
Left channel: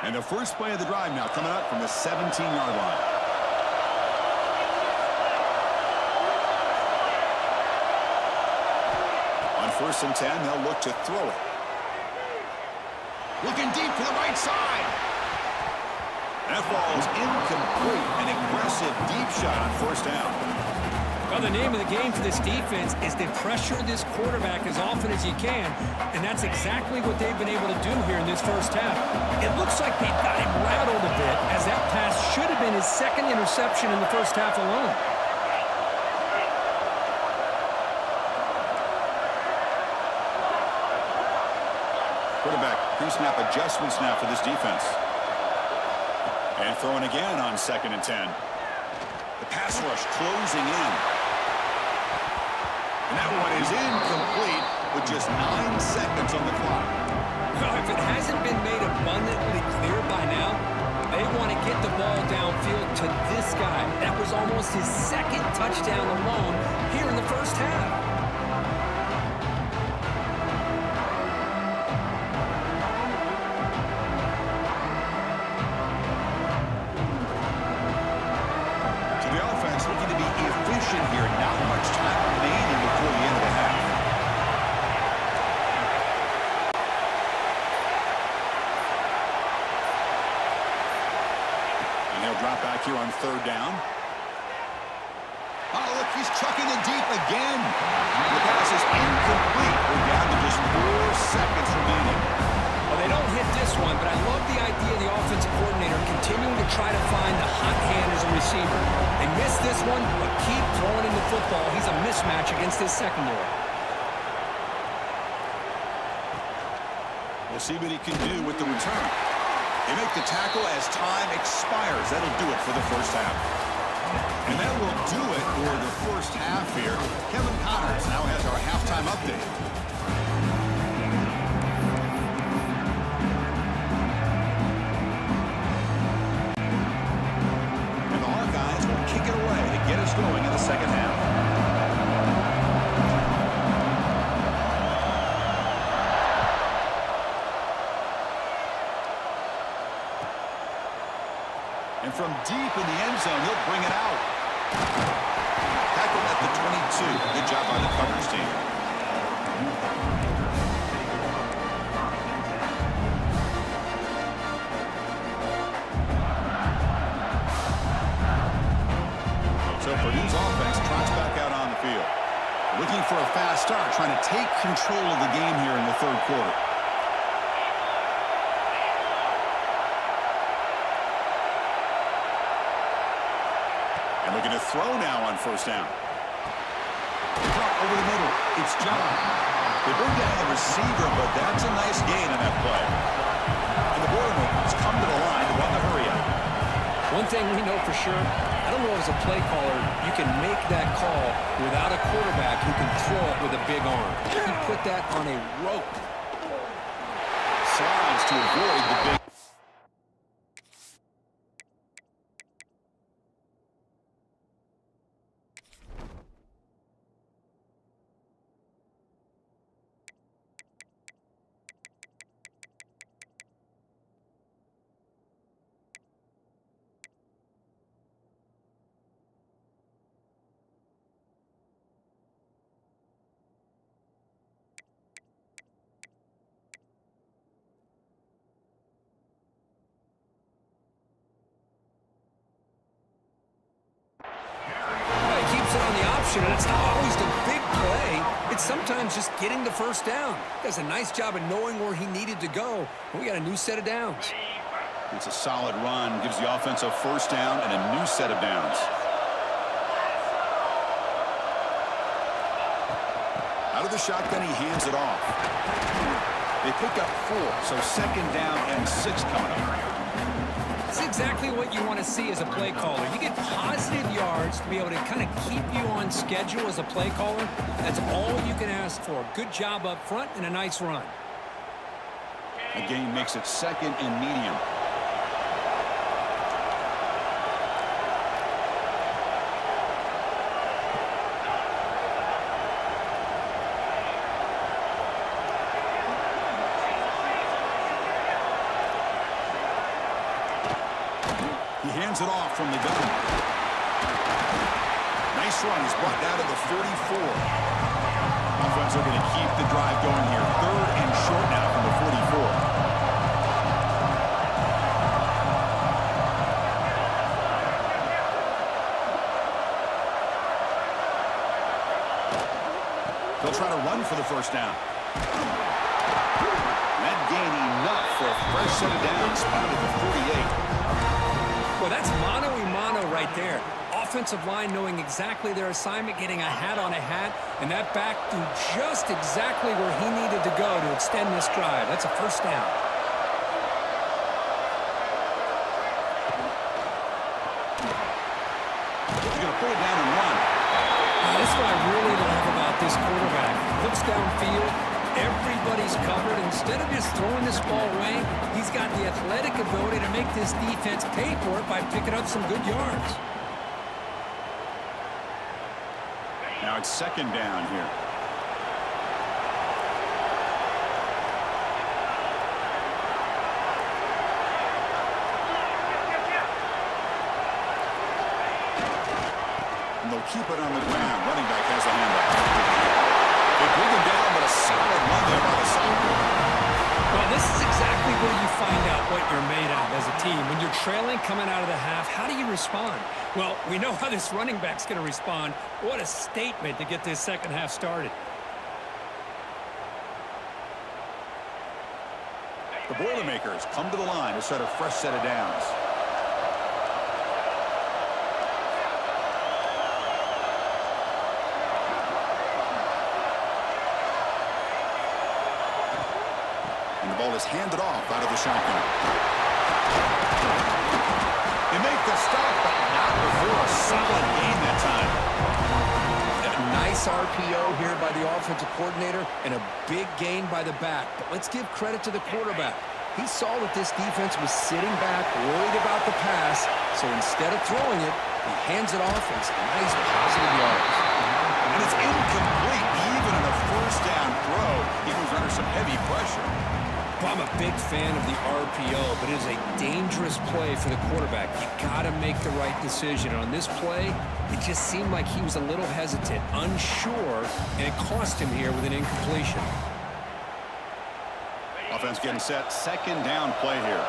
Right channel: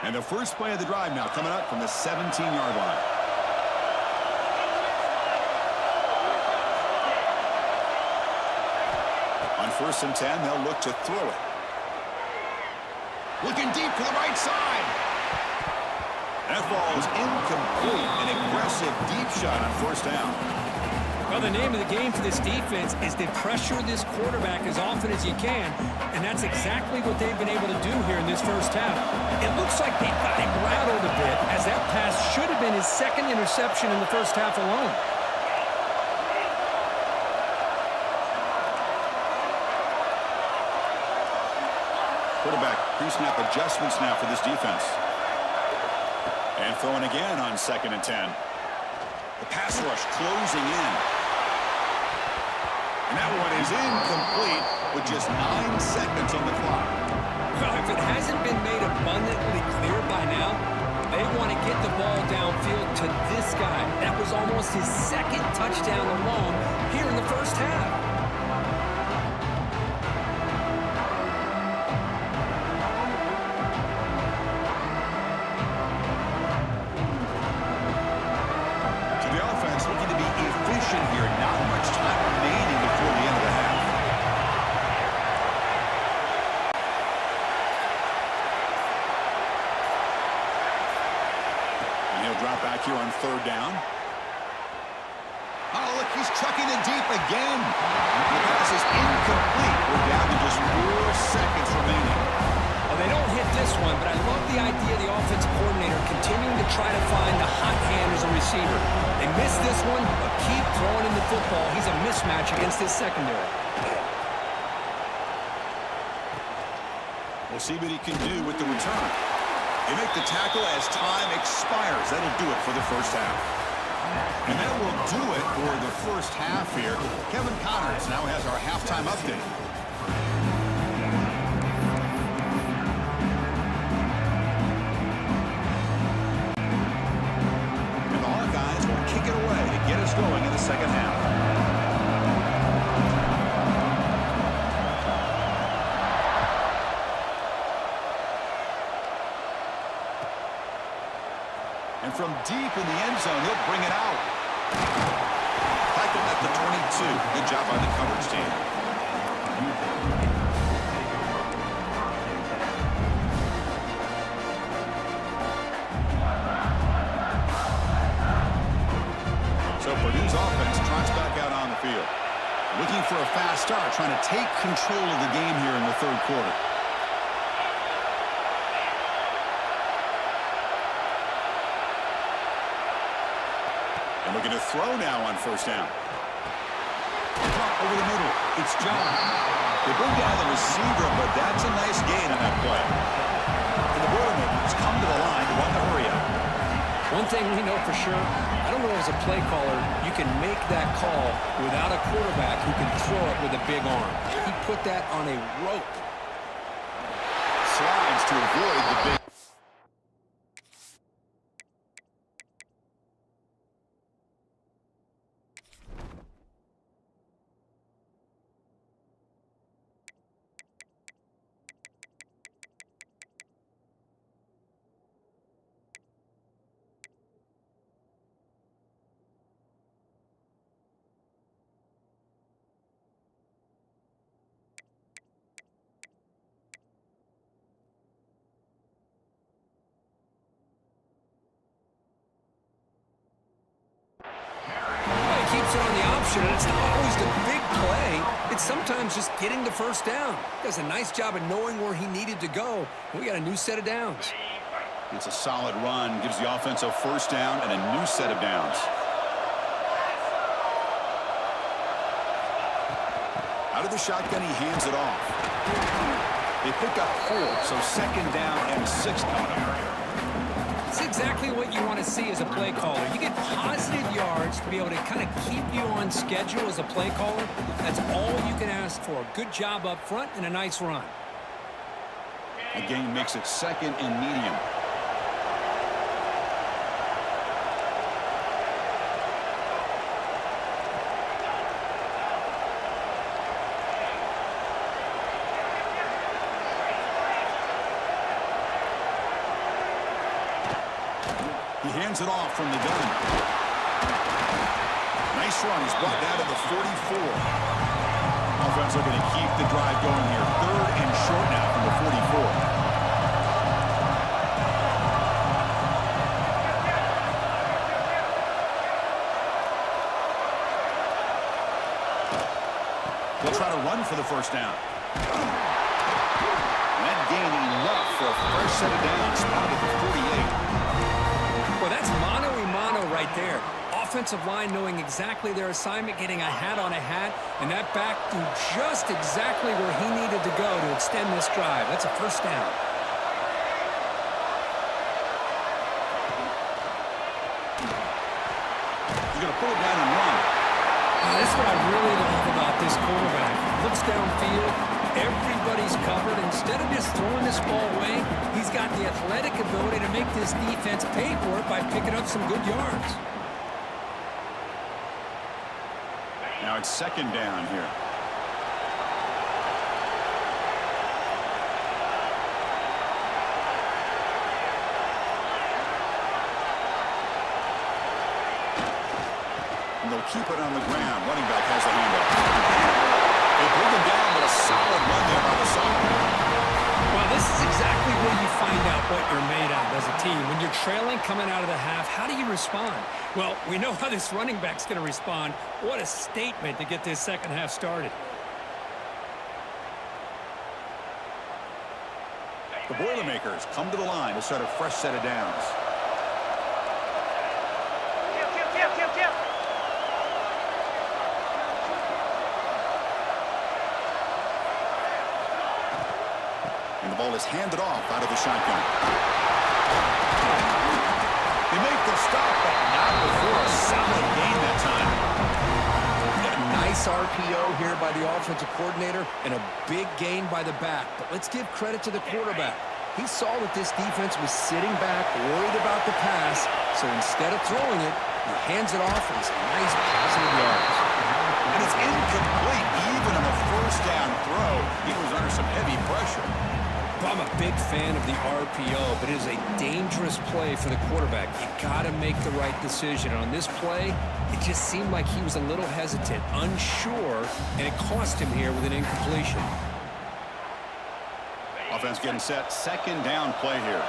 And the first play of the drive now coming up from the 17-yard line. On 1st and 10, they'll look to throw it. Looking deep to the right side. That ball is incomplete. An aggressive deep shot on 1st down. Well, the name of the game for this defense is to pressure this quarterback as often as you can, and that's exactly what they've been able to do here in this first half. It looks like they've got him rattled a bit, as that pass should have been his 2nd interception in the first half alone. Quarterback pre-snap adjustments now for this defense. And throwing again on 2nd and 10. The pass rush closing in. And that one is incomplete with just 9 seconds on the clock. Well, if it hasn't been made abundantly clear by now, they want to get the ball downfield to this guy. That was almost his 2nd touchdown alone here in the first half. Here, not much time remaining before the end of the half. And he'll drop back here on 3rd down. Oh, look, he's chucking it deep again. The pass pass is incomplete. We're down to just 4 seconds remaining. Well, they don't hit this one, but I love the idea of the offensive coordinator continuing to try to find the hot hand as a receiver. They missed this one, but keep throwing in the football. He's a mismatch against his secondary. We'll see what he can do with the return. They make the tackle as time expires. That'll do it for the first half. And that will do it for the first half here. Kevin Connors now has our halftime update. Kick it away to get us going in the second half. And from deep in the end zone, he'll bring it out. Tackled at the 22. Good job by the coverage team. So Purdue's offense trots back out on the field. Looking for a fast start, trying to take control of the game here in the third quarter. And looking to throw now on first down. Caught over the middle. It's John. They bring down the receiver, but that's a nice gain on that play. And the Boilermakers come to the line to run the hurry up. One thing we know for sure, I don't know as a play caller, you can make that call without a quarterback who can throw it with a big arm. He put that on a rope. Slides to avoid the big. Keeps it on the option, and it's not always the big play. It's sometimes just getting the first down. Does a nice job of knowing where he needed to go. We got a new set of downs. It's a solid run. Gives the offense a first down and a new set of downs. Out of the shotgun, he hands it off. They pick up 4, so second down and 6 coming up. It's exactly what you want to see as a play caller. You get positive yards to be able to kind of keep you on schedule as a play caller. That's all you can ask for. Good job up front and a nice run. A gain makes it second and medium. He hands it off from the gun. Nice run. He's brought down to the 44. Offense looking to keep the drive going here. Third and short now from the 44. They'll try to run for the first down. And that gain enough for a fresh set of downs. Spotted at the 48. Well, that's mano-a-mano right there. Offensive line knowing exactly their assignment, getting a hat on a hat, and that back threw just exactly where he needed to go to extend this drive. That's a first down. He's going to pull it down and run. That's what I really love about this quarterback. Looks downfield. Everybody's covered. Instead of just throwing this ball away, he's got the athletic ability to make this defense pay for it by picking up some good yards. Now it's second down here. And they'll keep it on the ground. Running back has the handoff. They bring him down, but a solid run there by the sophomore. Well, this is exactly where you find out what you're made of as a team. When you're trailing coming out of the half, how do you respond? Well, we know how this running back's going to respond. What a statement to get this second half started. The Boilermakers come to the line to start a fresh set of downs. And the ball is handed off out of the shotgun. They make the stop, but not before a solid gain that time. Nice RPO here by the offensive coordinator and a big gain by the back. But let's give credit to the quarterback. He saw that this defense was sitting back, worried about the pass, so instead of throwing it, he hands it off and some nice positive yards. And it's incomplete. Even on a first down throw, he was under some heavy pressure. Well, I'm a big fan of the RPO, but it is a dangerous play for the quarterback. You got to make the right decision. On this play, it just seemed like he was a little hesitant, unsure, and it cost him here with an incompletion. Offense getting set. Second down play here.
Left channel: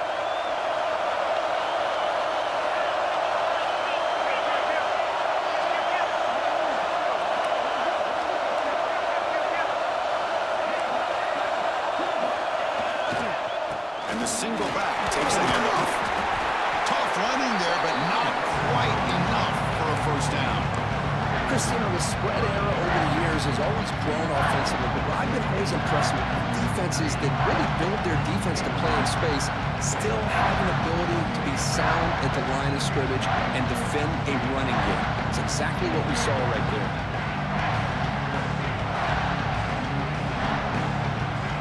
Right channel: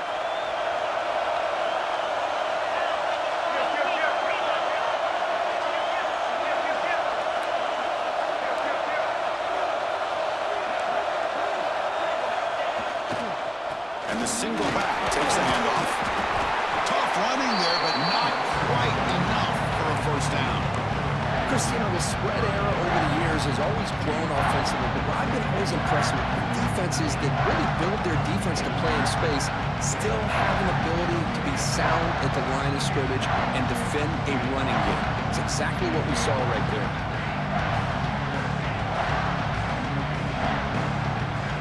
And the single back takes the handoff. Tough running there, but not quite enough for a first down. Christine, the spread era over the years has always grown offensively, but what I've been always impressed with defenses that really build their defense to play in space still have an ability to be sound at the line of scrimmage and defend a running game. It's exactly what we saw right there.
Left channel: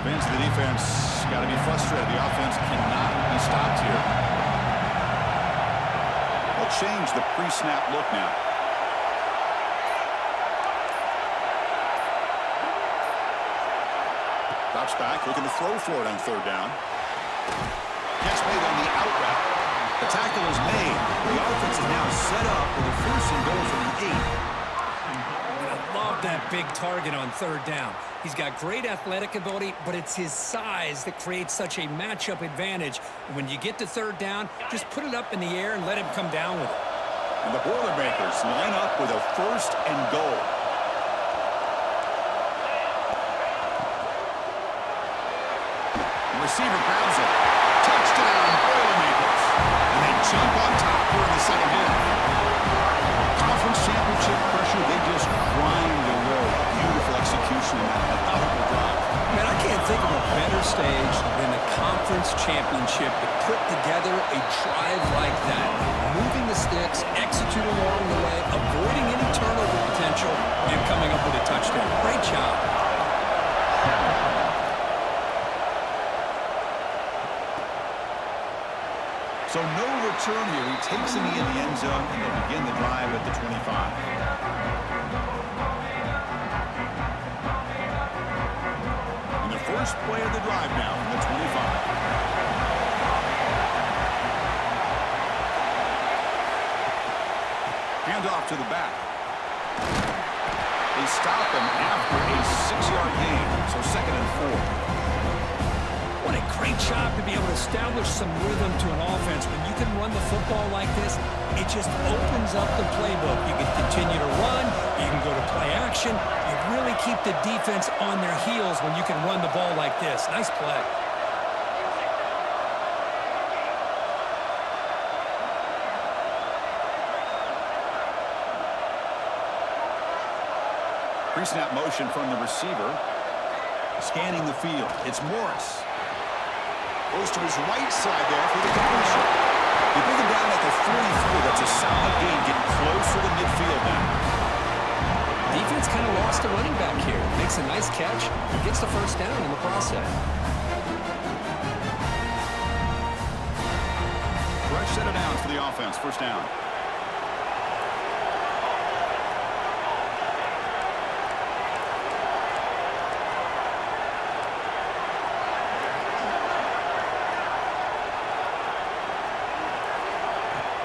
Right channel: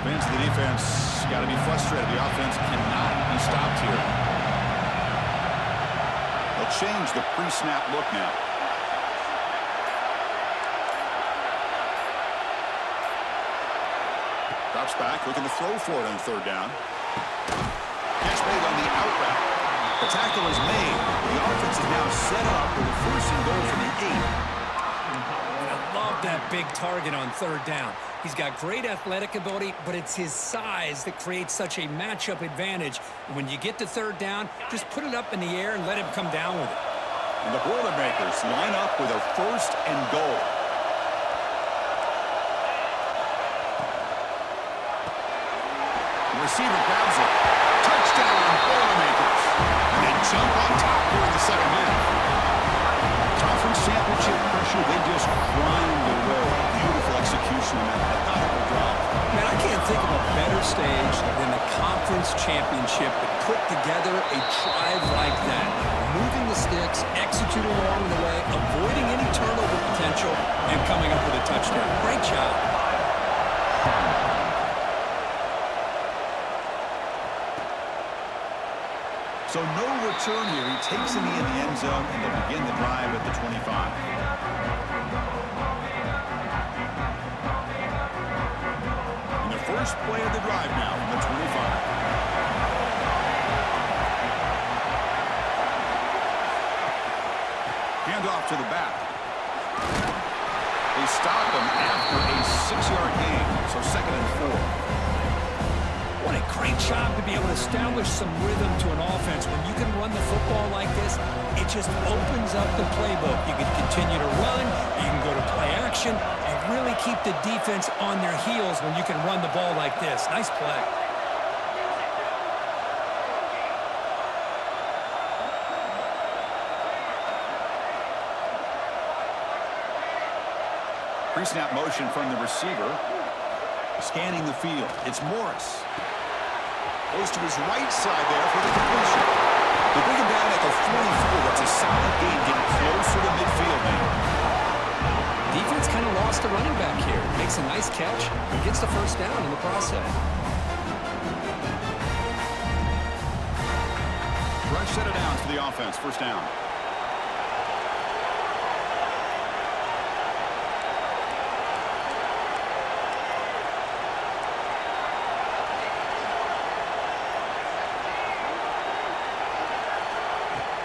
Fans of the defense got to be frustrated. The offense cannot be stopped here. They'll change the pre-snap look now. Drops back, looking to throw for it on third down. Catch made on the out route. The tackle is made. The offense is now set up with a first and goal from the 8. And I love that big target on third down. He's got great athletic ability, but it's his size that creates such a matchup advantage. And when you get to third down, just put it up in the air and let him come down with it. And the Boilermakers line up with a first and goal. Receiver grabs it. Touchdown, Boilermakers. And they jump on top here in the second half. Conference championship pressure, they just grind away. Beautiful execution in that methodical drive. Man, I can't think of a better stage than the conference championship to put together a drive like that. Moving the sticks, executing along the way, avoiding any turnover potential, and coming up with a touchdown. Great job. So no return here. He takes him in the end zone, and they'll begin the drive at the 25. And the first play of the drive now from the 25. Handoff to the back. They stop him after a 6-yard gain, so second and 4. What a great job to be able to establish some rhythm to an offense. When you can run the football like this, it just opens up the playbook. You can continue to run. You can go to play action. You really keep the defense on their heels when you can run the ball like this. Nice play. Pre-snap motion from the receiver. Scanning the field. It's Morris. Goes to his right side there for the completion. They bring him down at the 44. That's a solid gain, getting closer to midfield now. Defense kind of lost the running back here. Makes a nice catch and gets the first down in the process. Fresh set of downs for the offense. First down.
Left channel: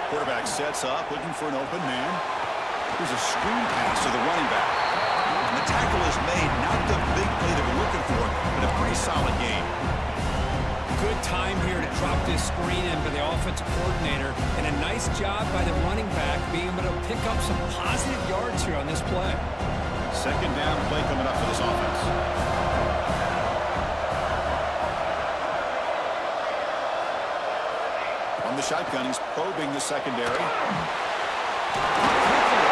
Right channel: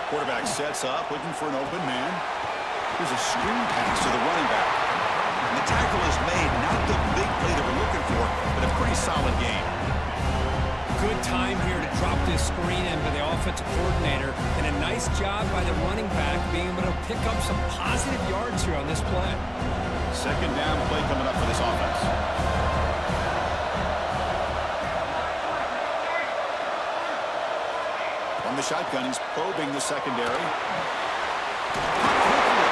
Quarterback sets up, looking for an open man. Here's a screen pass to the running back. And the tackle is made. Not the big play that we're looking for, but a pretty solid game. Good time here to drop this screen in for the offensive coordinator. And a nice job by the running back being able to pick up some positive yards here on this play. Second down play coming up for this offense. From the shotgun, he's probing the secondary. Not quickly.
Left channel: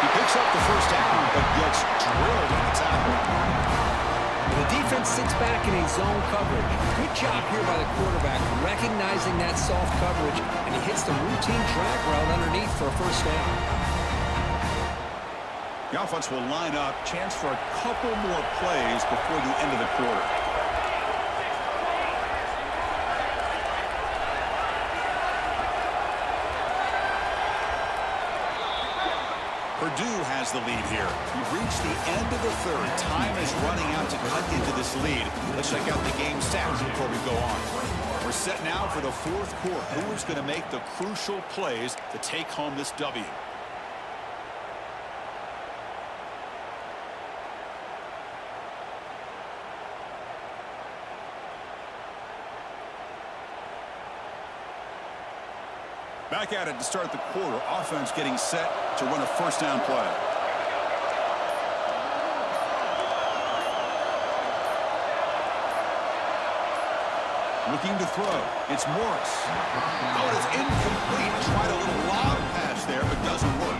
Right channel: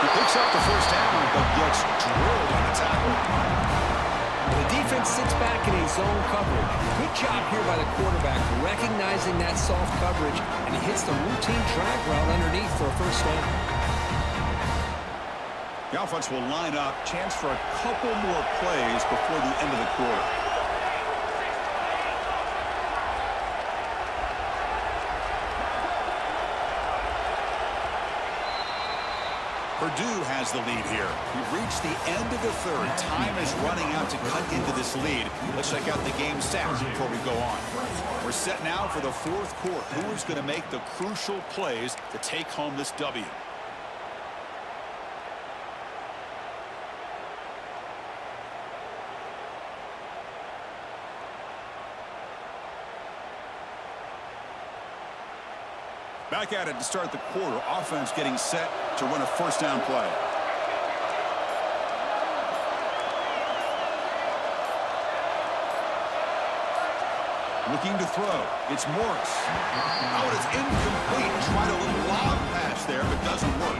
He picks up the first down, but gets drilled on a tackle. The defense sits back in a zone coverage. Good job here by the quarterback, recognizing that soft coverage, and he hits the routine drag route underneath for a first down. The offense will line up. Chance for a couple more plays before the end of the quarter. Purdue has the lead here. We've reached the end of the third. Time is running out to cut into this lead. Let's check out the game stats before we go on. We're set now for the fourth quarter. Who is going to make the crucial plays to take home this W? Back at it to start the quarter. Offense getting set to run a first down play. Looking to throw. It's Morris. Oh, it's incomplete. Tried a little lob pass there, but doesn't work.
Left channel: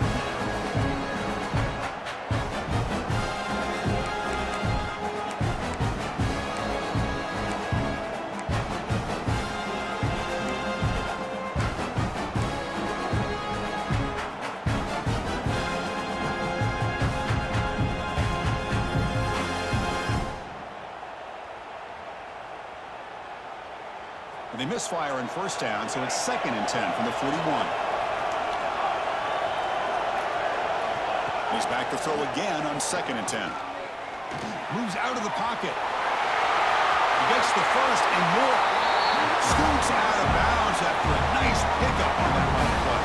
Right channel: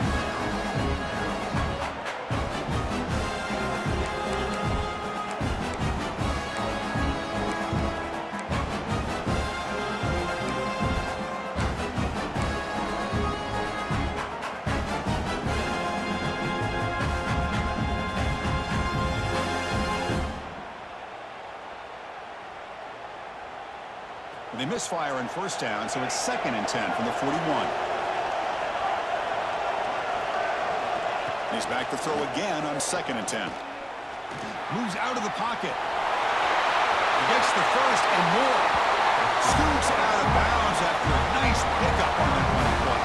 They misfire on first down, so it's 2nd and 10 from the 41. He's back to throw again on 2nd and 10. Moves out of the pocket. He gets the first and more. Scoots out of bounds after a nice pickup on that running play.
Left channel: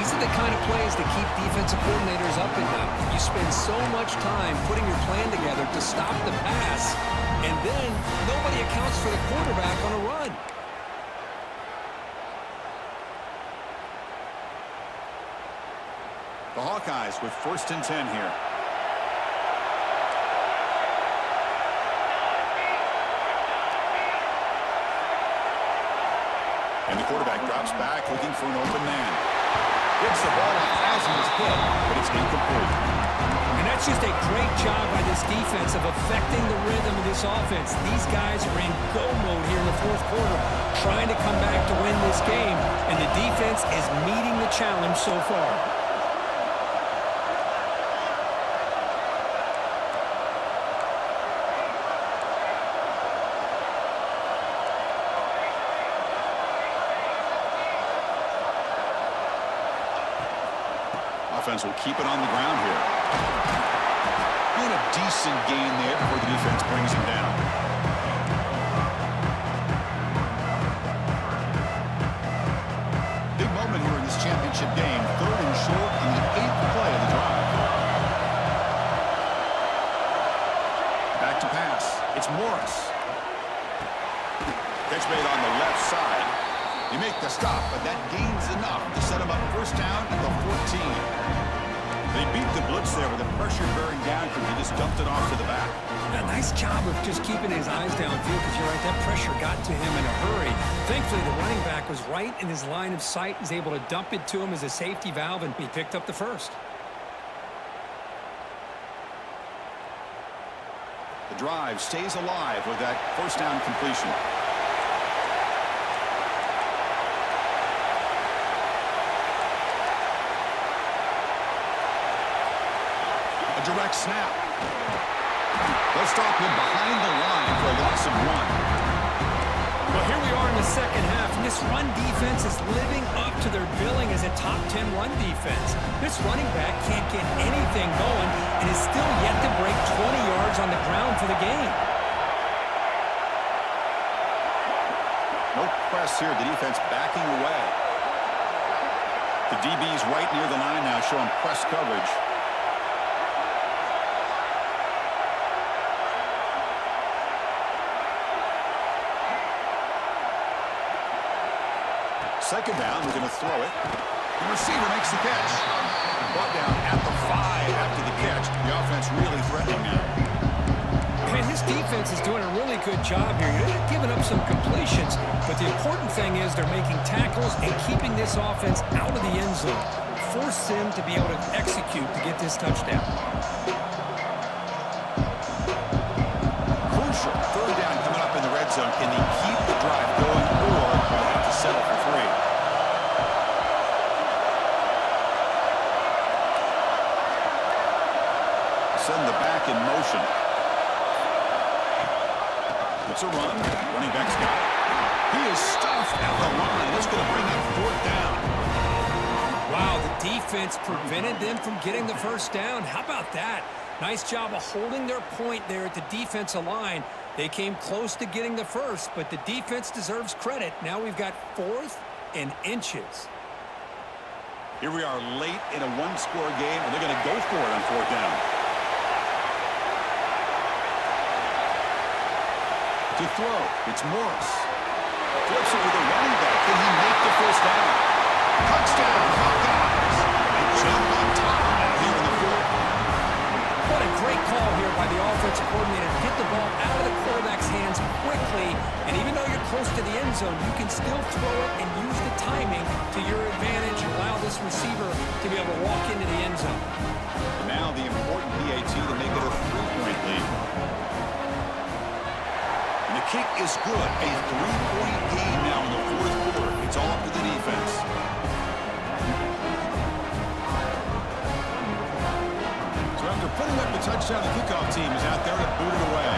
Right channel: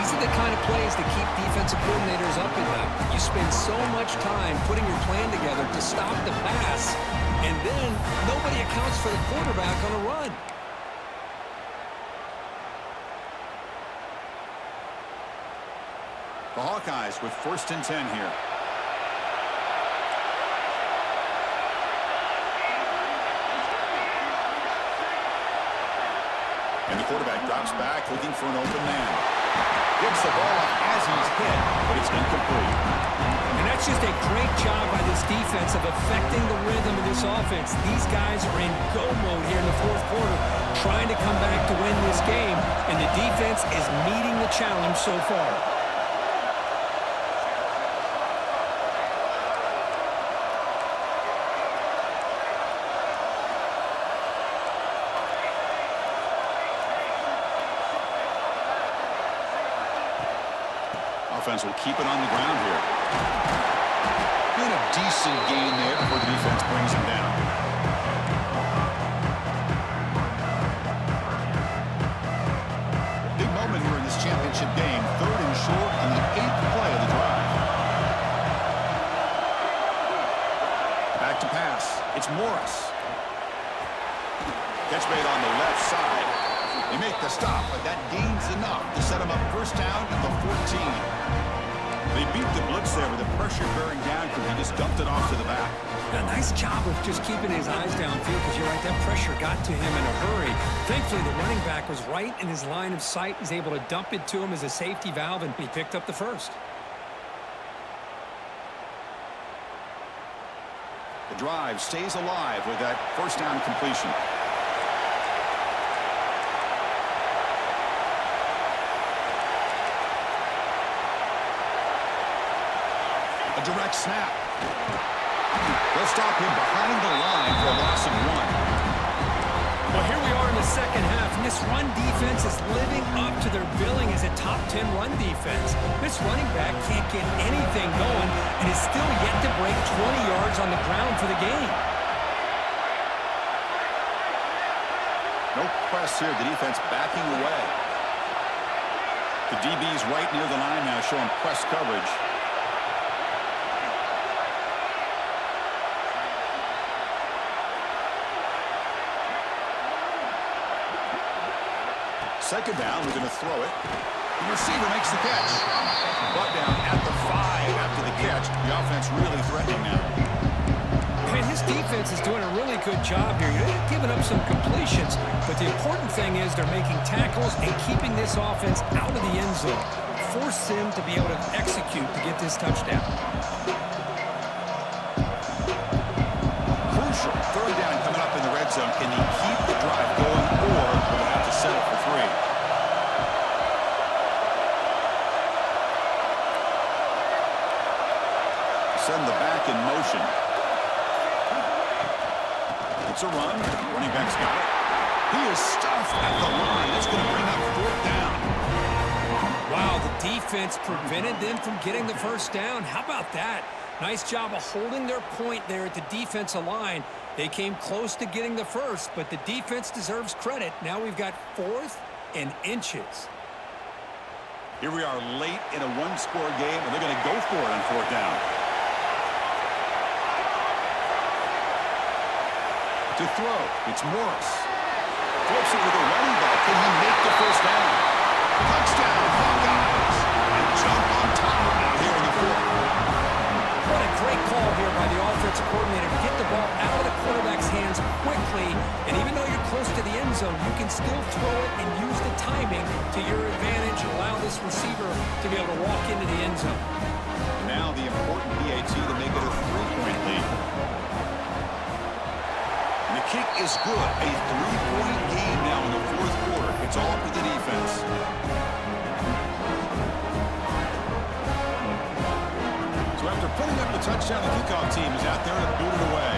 These are the kind of plays that keep defensive coordinators up at night. You spend so much time putting your plan together to stop the pass, and then nobody accounts for the quarterback on a run. The Hawkeyes with 1st and 10 here. And the quarterback drops back looking for an open man. Gets the ball up as he's hit, but it's incomplete. And that's just a great job by this defense of affecting the rhythm of this offense. These guys are in go mode here in the fourth quarter, trying to come back to win this game, and the defense is meeting the challenge so far. Offense will keep it on the ground here. And a decent gain there before the defense brings him down. Big moment here in this championship game. 3rd and short on the 8th play of the drive. Back to pass. It's Morris. Catch made on the left side. They make the stop, but that gains enough to set him up first down at the 14. They beat the blitz there with the pressure bearing down because he just dumped it off to the back. A nice job of just keeping his eyes downfield because you're right, that pressure got to him in a hurry. Thankfully, the running back was right in his line of sight. He's able to dump it to him as a safety valve, and he picked up the first. The drive stays alive with that first down completion. A direct snap. They'll stop him behind the line for a loss of 1. Well, here we are in the second half, and this run defense is living up to their billing as a top 10 run defense. This running back can't get anything going and is still yet to break 20 yards on the ground for the game. No press here. The defense backing away. The DB's right near the line now, showing press coverage. Second down, we're going to throw it. The receiver makes the catch. Brought down at the 5 after the catch. The offense really threatening now. And this defense is doing a really good job here. They're giving up some completions, but the important thing is they're making tackles and keeping this offense out of the end zone. Force them to be able to execute to get this touchdown. Crucial. Third down coming up in the red zone. Can he keep the drive going, or will they have to settle for 3? Send the back in motion. It's a run. Running back's got it. He is stuffed at the line. It's going to bring up 4th down. Wow, the defense prevented them from getting the first down. How about that? Nice job of holding their point there at the defensive line. They came close to getting the first, but the defense deserves credit. Now we've got 4th and inches. Here we are late in a one-score game, and they're going to go for it on 4th down. To throw, it's Morris. Flips it with a running back. Can he make the first down? Touchdown, Hawkeyes! And jump on top out here in the 4th. What a great call here by the offensive coordinator to get the ball out of the quarterback's hands quickly. And even though you're close to the end zone, you can still throw it and use the timing to your advantage and allow this receiver to be able to walk into the end zone. And now the important PAT to make it a 3-point lead. And the kick is good. A 3-point game now in the 4th quarter. It's all up to the defense. So after putting up the touchdown, the kickoff team is out there to boot it away.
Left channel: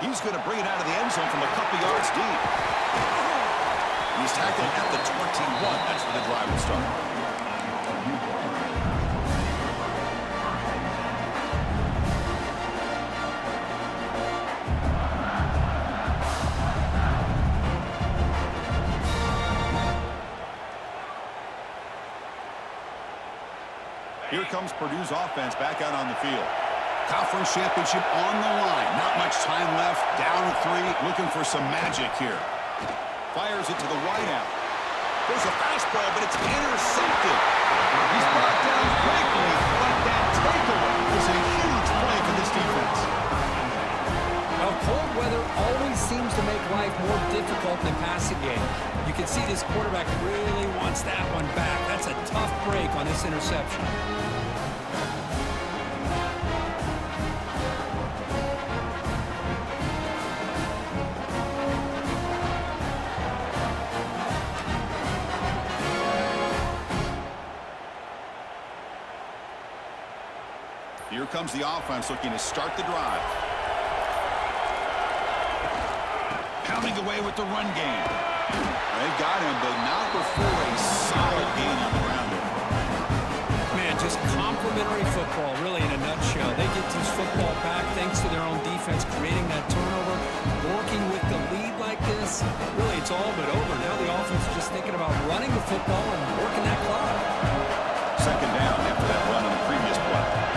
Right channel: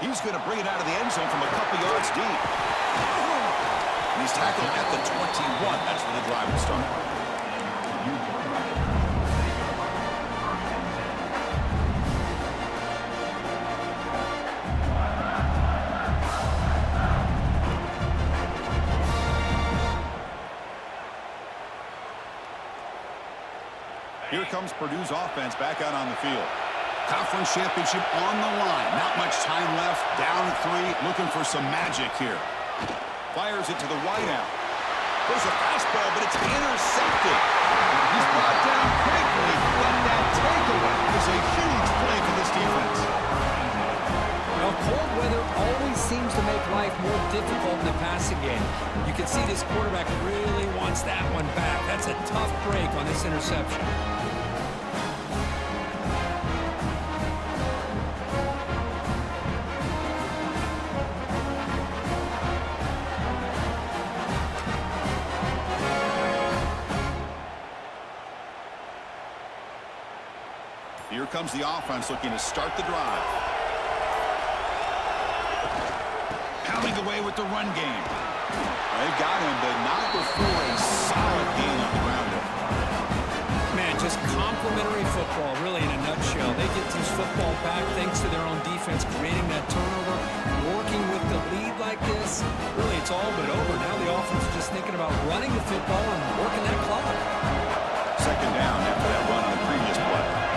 He's going to bring it out of the end zone from a couple yards deep. And he's tackled at the 21. That's where the drive will start. Here comes Purdue's offense back out on the field. Conference championship on the line. Not much time left. Down 3. Looking for some magic here. Fires it to the wideout. Goes a fastball, but it's intercepted. He's brought down quickly, but that takeaway is a huge play for this defense. Well, cold weather always seems to make life more difficult in the passing game. You can see this quarterback really wants that one back. That's a tough break on this interception. Here comes the offense looking to start the drive. Pounding away with the run game. They've got him, but not before a solid gain on the ground there. Man, just complimentary football, really, in a nutshell. They get this football back thanks to their own defense, creating that turnover, working with the lead like this. Really, it's all but over. Now the offense is just thinking about running the football and working that clock. 2nd down after that run on the previous play.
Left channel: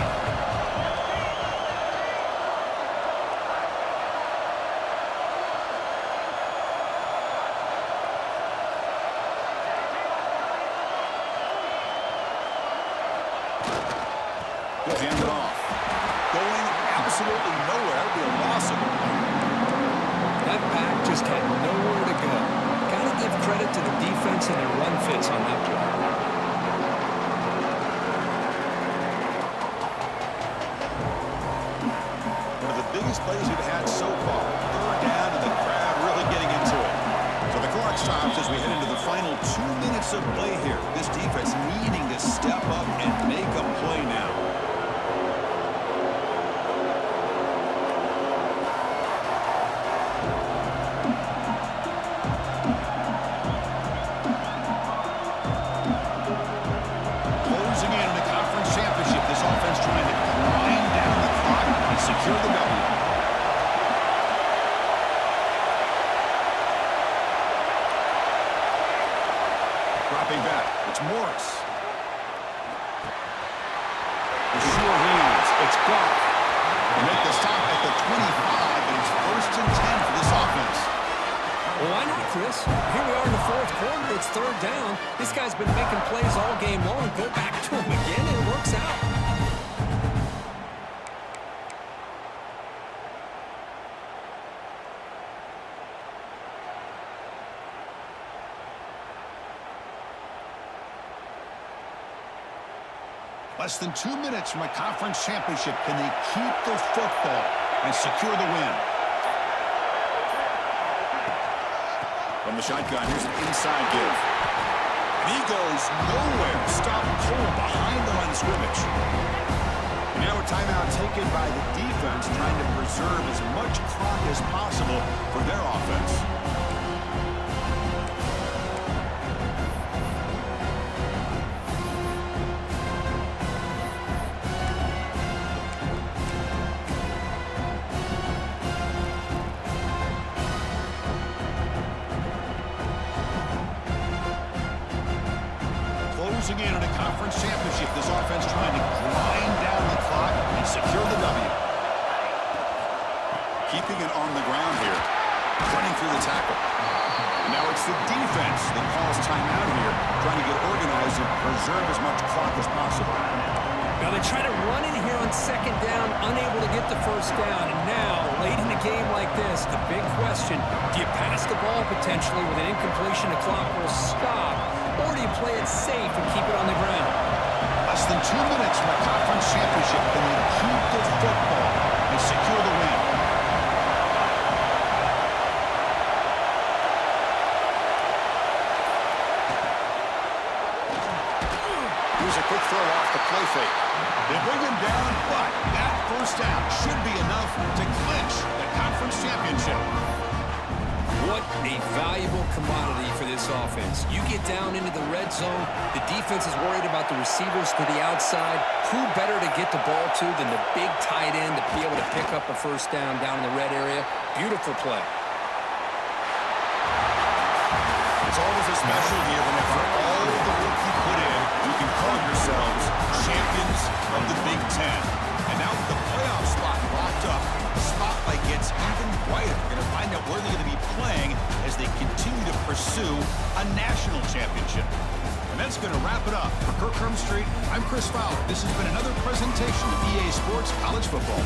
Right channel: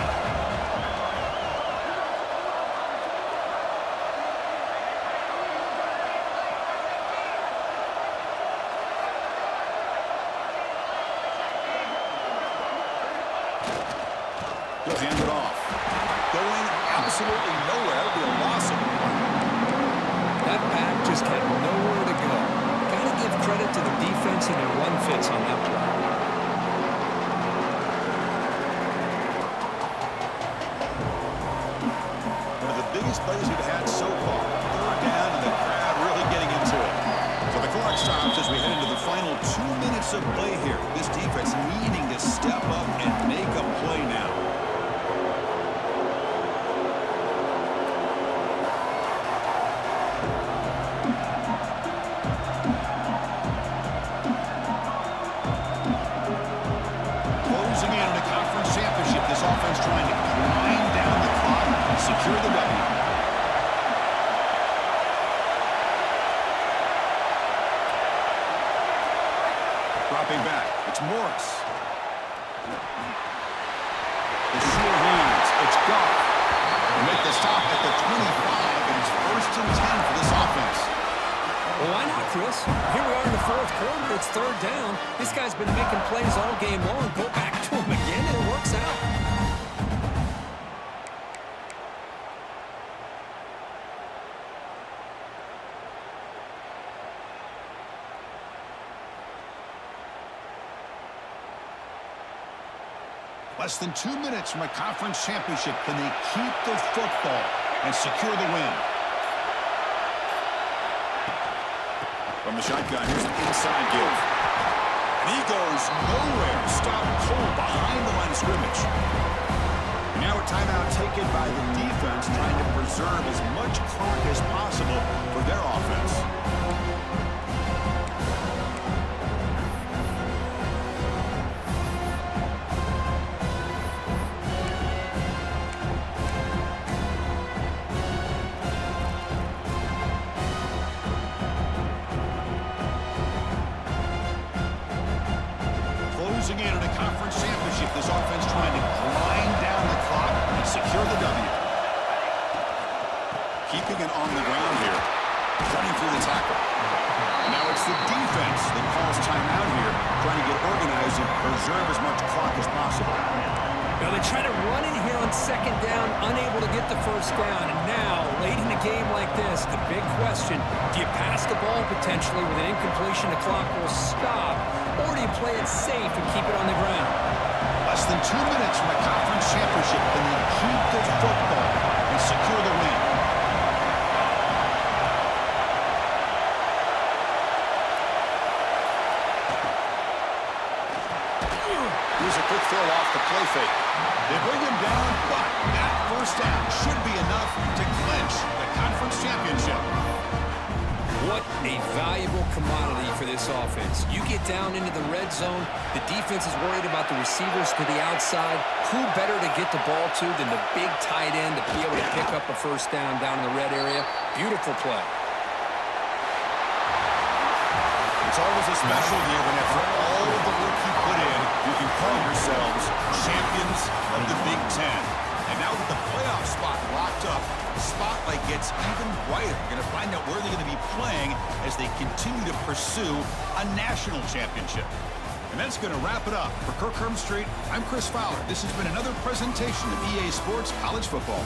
He'll hand it off. Going absolutely nowhere. That would be a loss of a point. That back just had nowhere to go. Got to give credit to the defense and their run fits on that play. One of the biggest plays we've had so far. 3rd down and the crowd really getting into it. So the clock stops as we head into the final 2 minutes of play here. This defense needing to step up and make a play now. Offense trying to grind down the clock and secure the W. Dropping back, it's Morris. The sure hands, it's Goff. They make the stop at the 25, and it's 1st and 10 for this offense. Well, why not, Chris? Here we are in the fourth quarter. It's third down. This guy's been making plays all game long. Go back to him again, and it works out. Less than 2 minutes from a conference championship. Can they keep the football and secure the win? From the shotgun, here's an inside give. And he goes nowhere. Stopped cold behind the line of scrimmage. And now a timeout taken by the defense, trying to preserve as much clock as possible for their offense. Closing in on a conference championship, this offense trying to grind down the clock and secure the W. Keeping it on the ground here, running through the tackle. And now it's the defense that calls timeout here, trying to get organized and preserve as much clock as possible. Now they try to run in here on second down, unable to get the first down. And now, late in a game like this, the big question, do you pass the ball potentially with an incompletion? The clock will stop. Or do you play it safe and keep it on the ground? Less than 2 minutes from a conference championship. Can they keep the football and secure the win? Here's a quick throw off the play fake. They bring him down, but that first down should be enough to clinch the conference championship. What a valuable commodity for this offense. You get down into the red zone, the defense is worried about the receivers to the outside. Who better to get the ball to than the big tight end to be able to pick up a first down in the red area? Beautiful play. It's always a special year when after all the work you put in, you can call yourselves champions of the Big Ten. And now with the playoff spot locked up, the spotlight gets even brighter. We're going to find out where they're going to be playing as they continue to pursue a national championship. And that's going to wrap it up. For Kirk Hermstreet, I'm Chris Fowler. This has been another presentation of EA Sports College Football.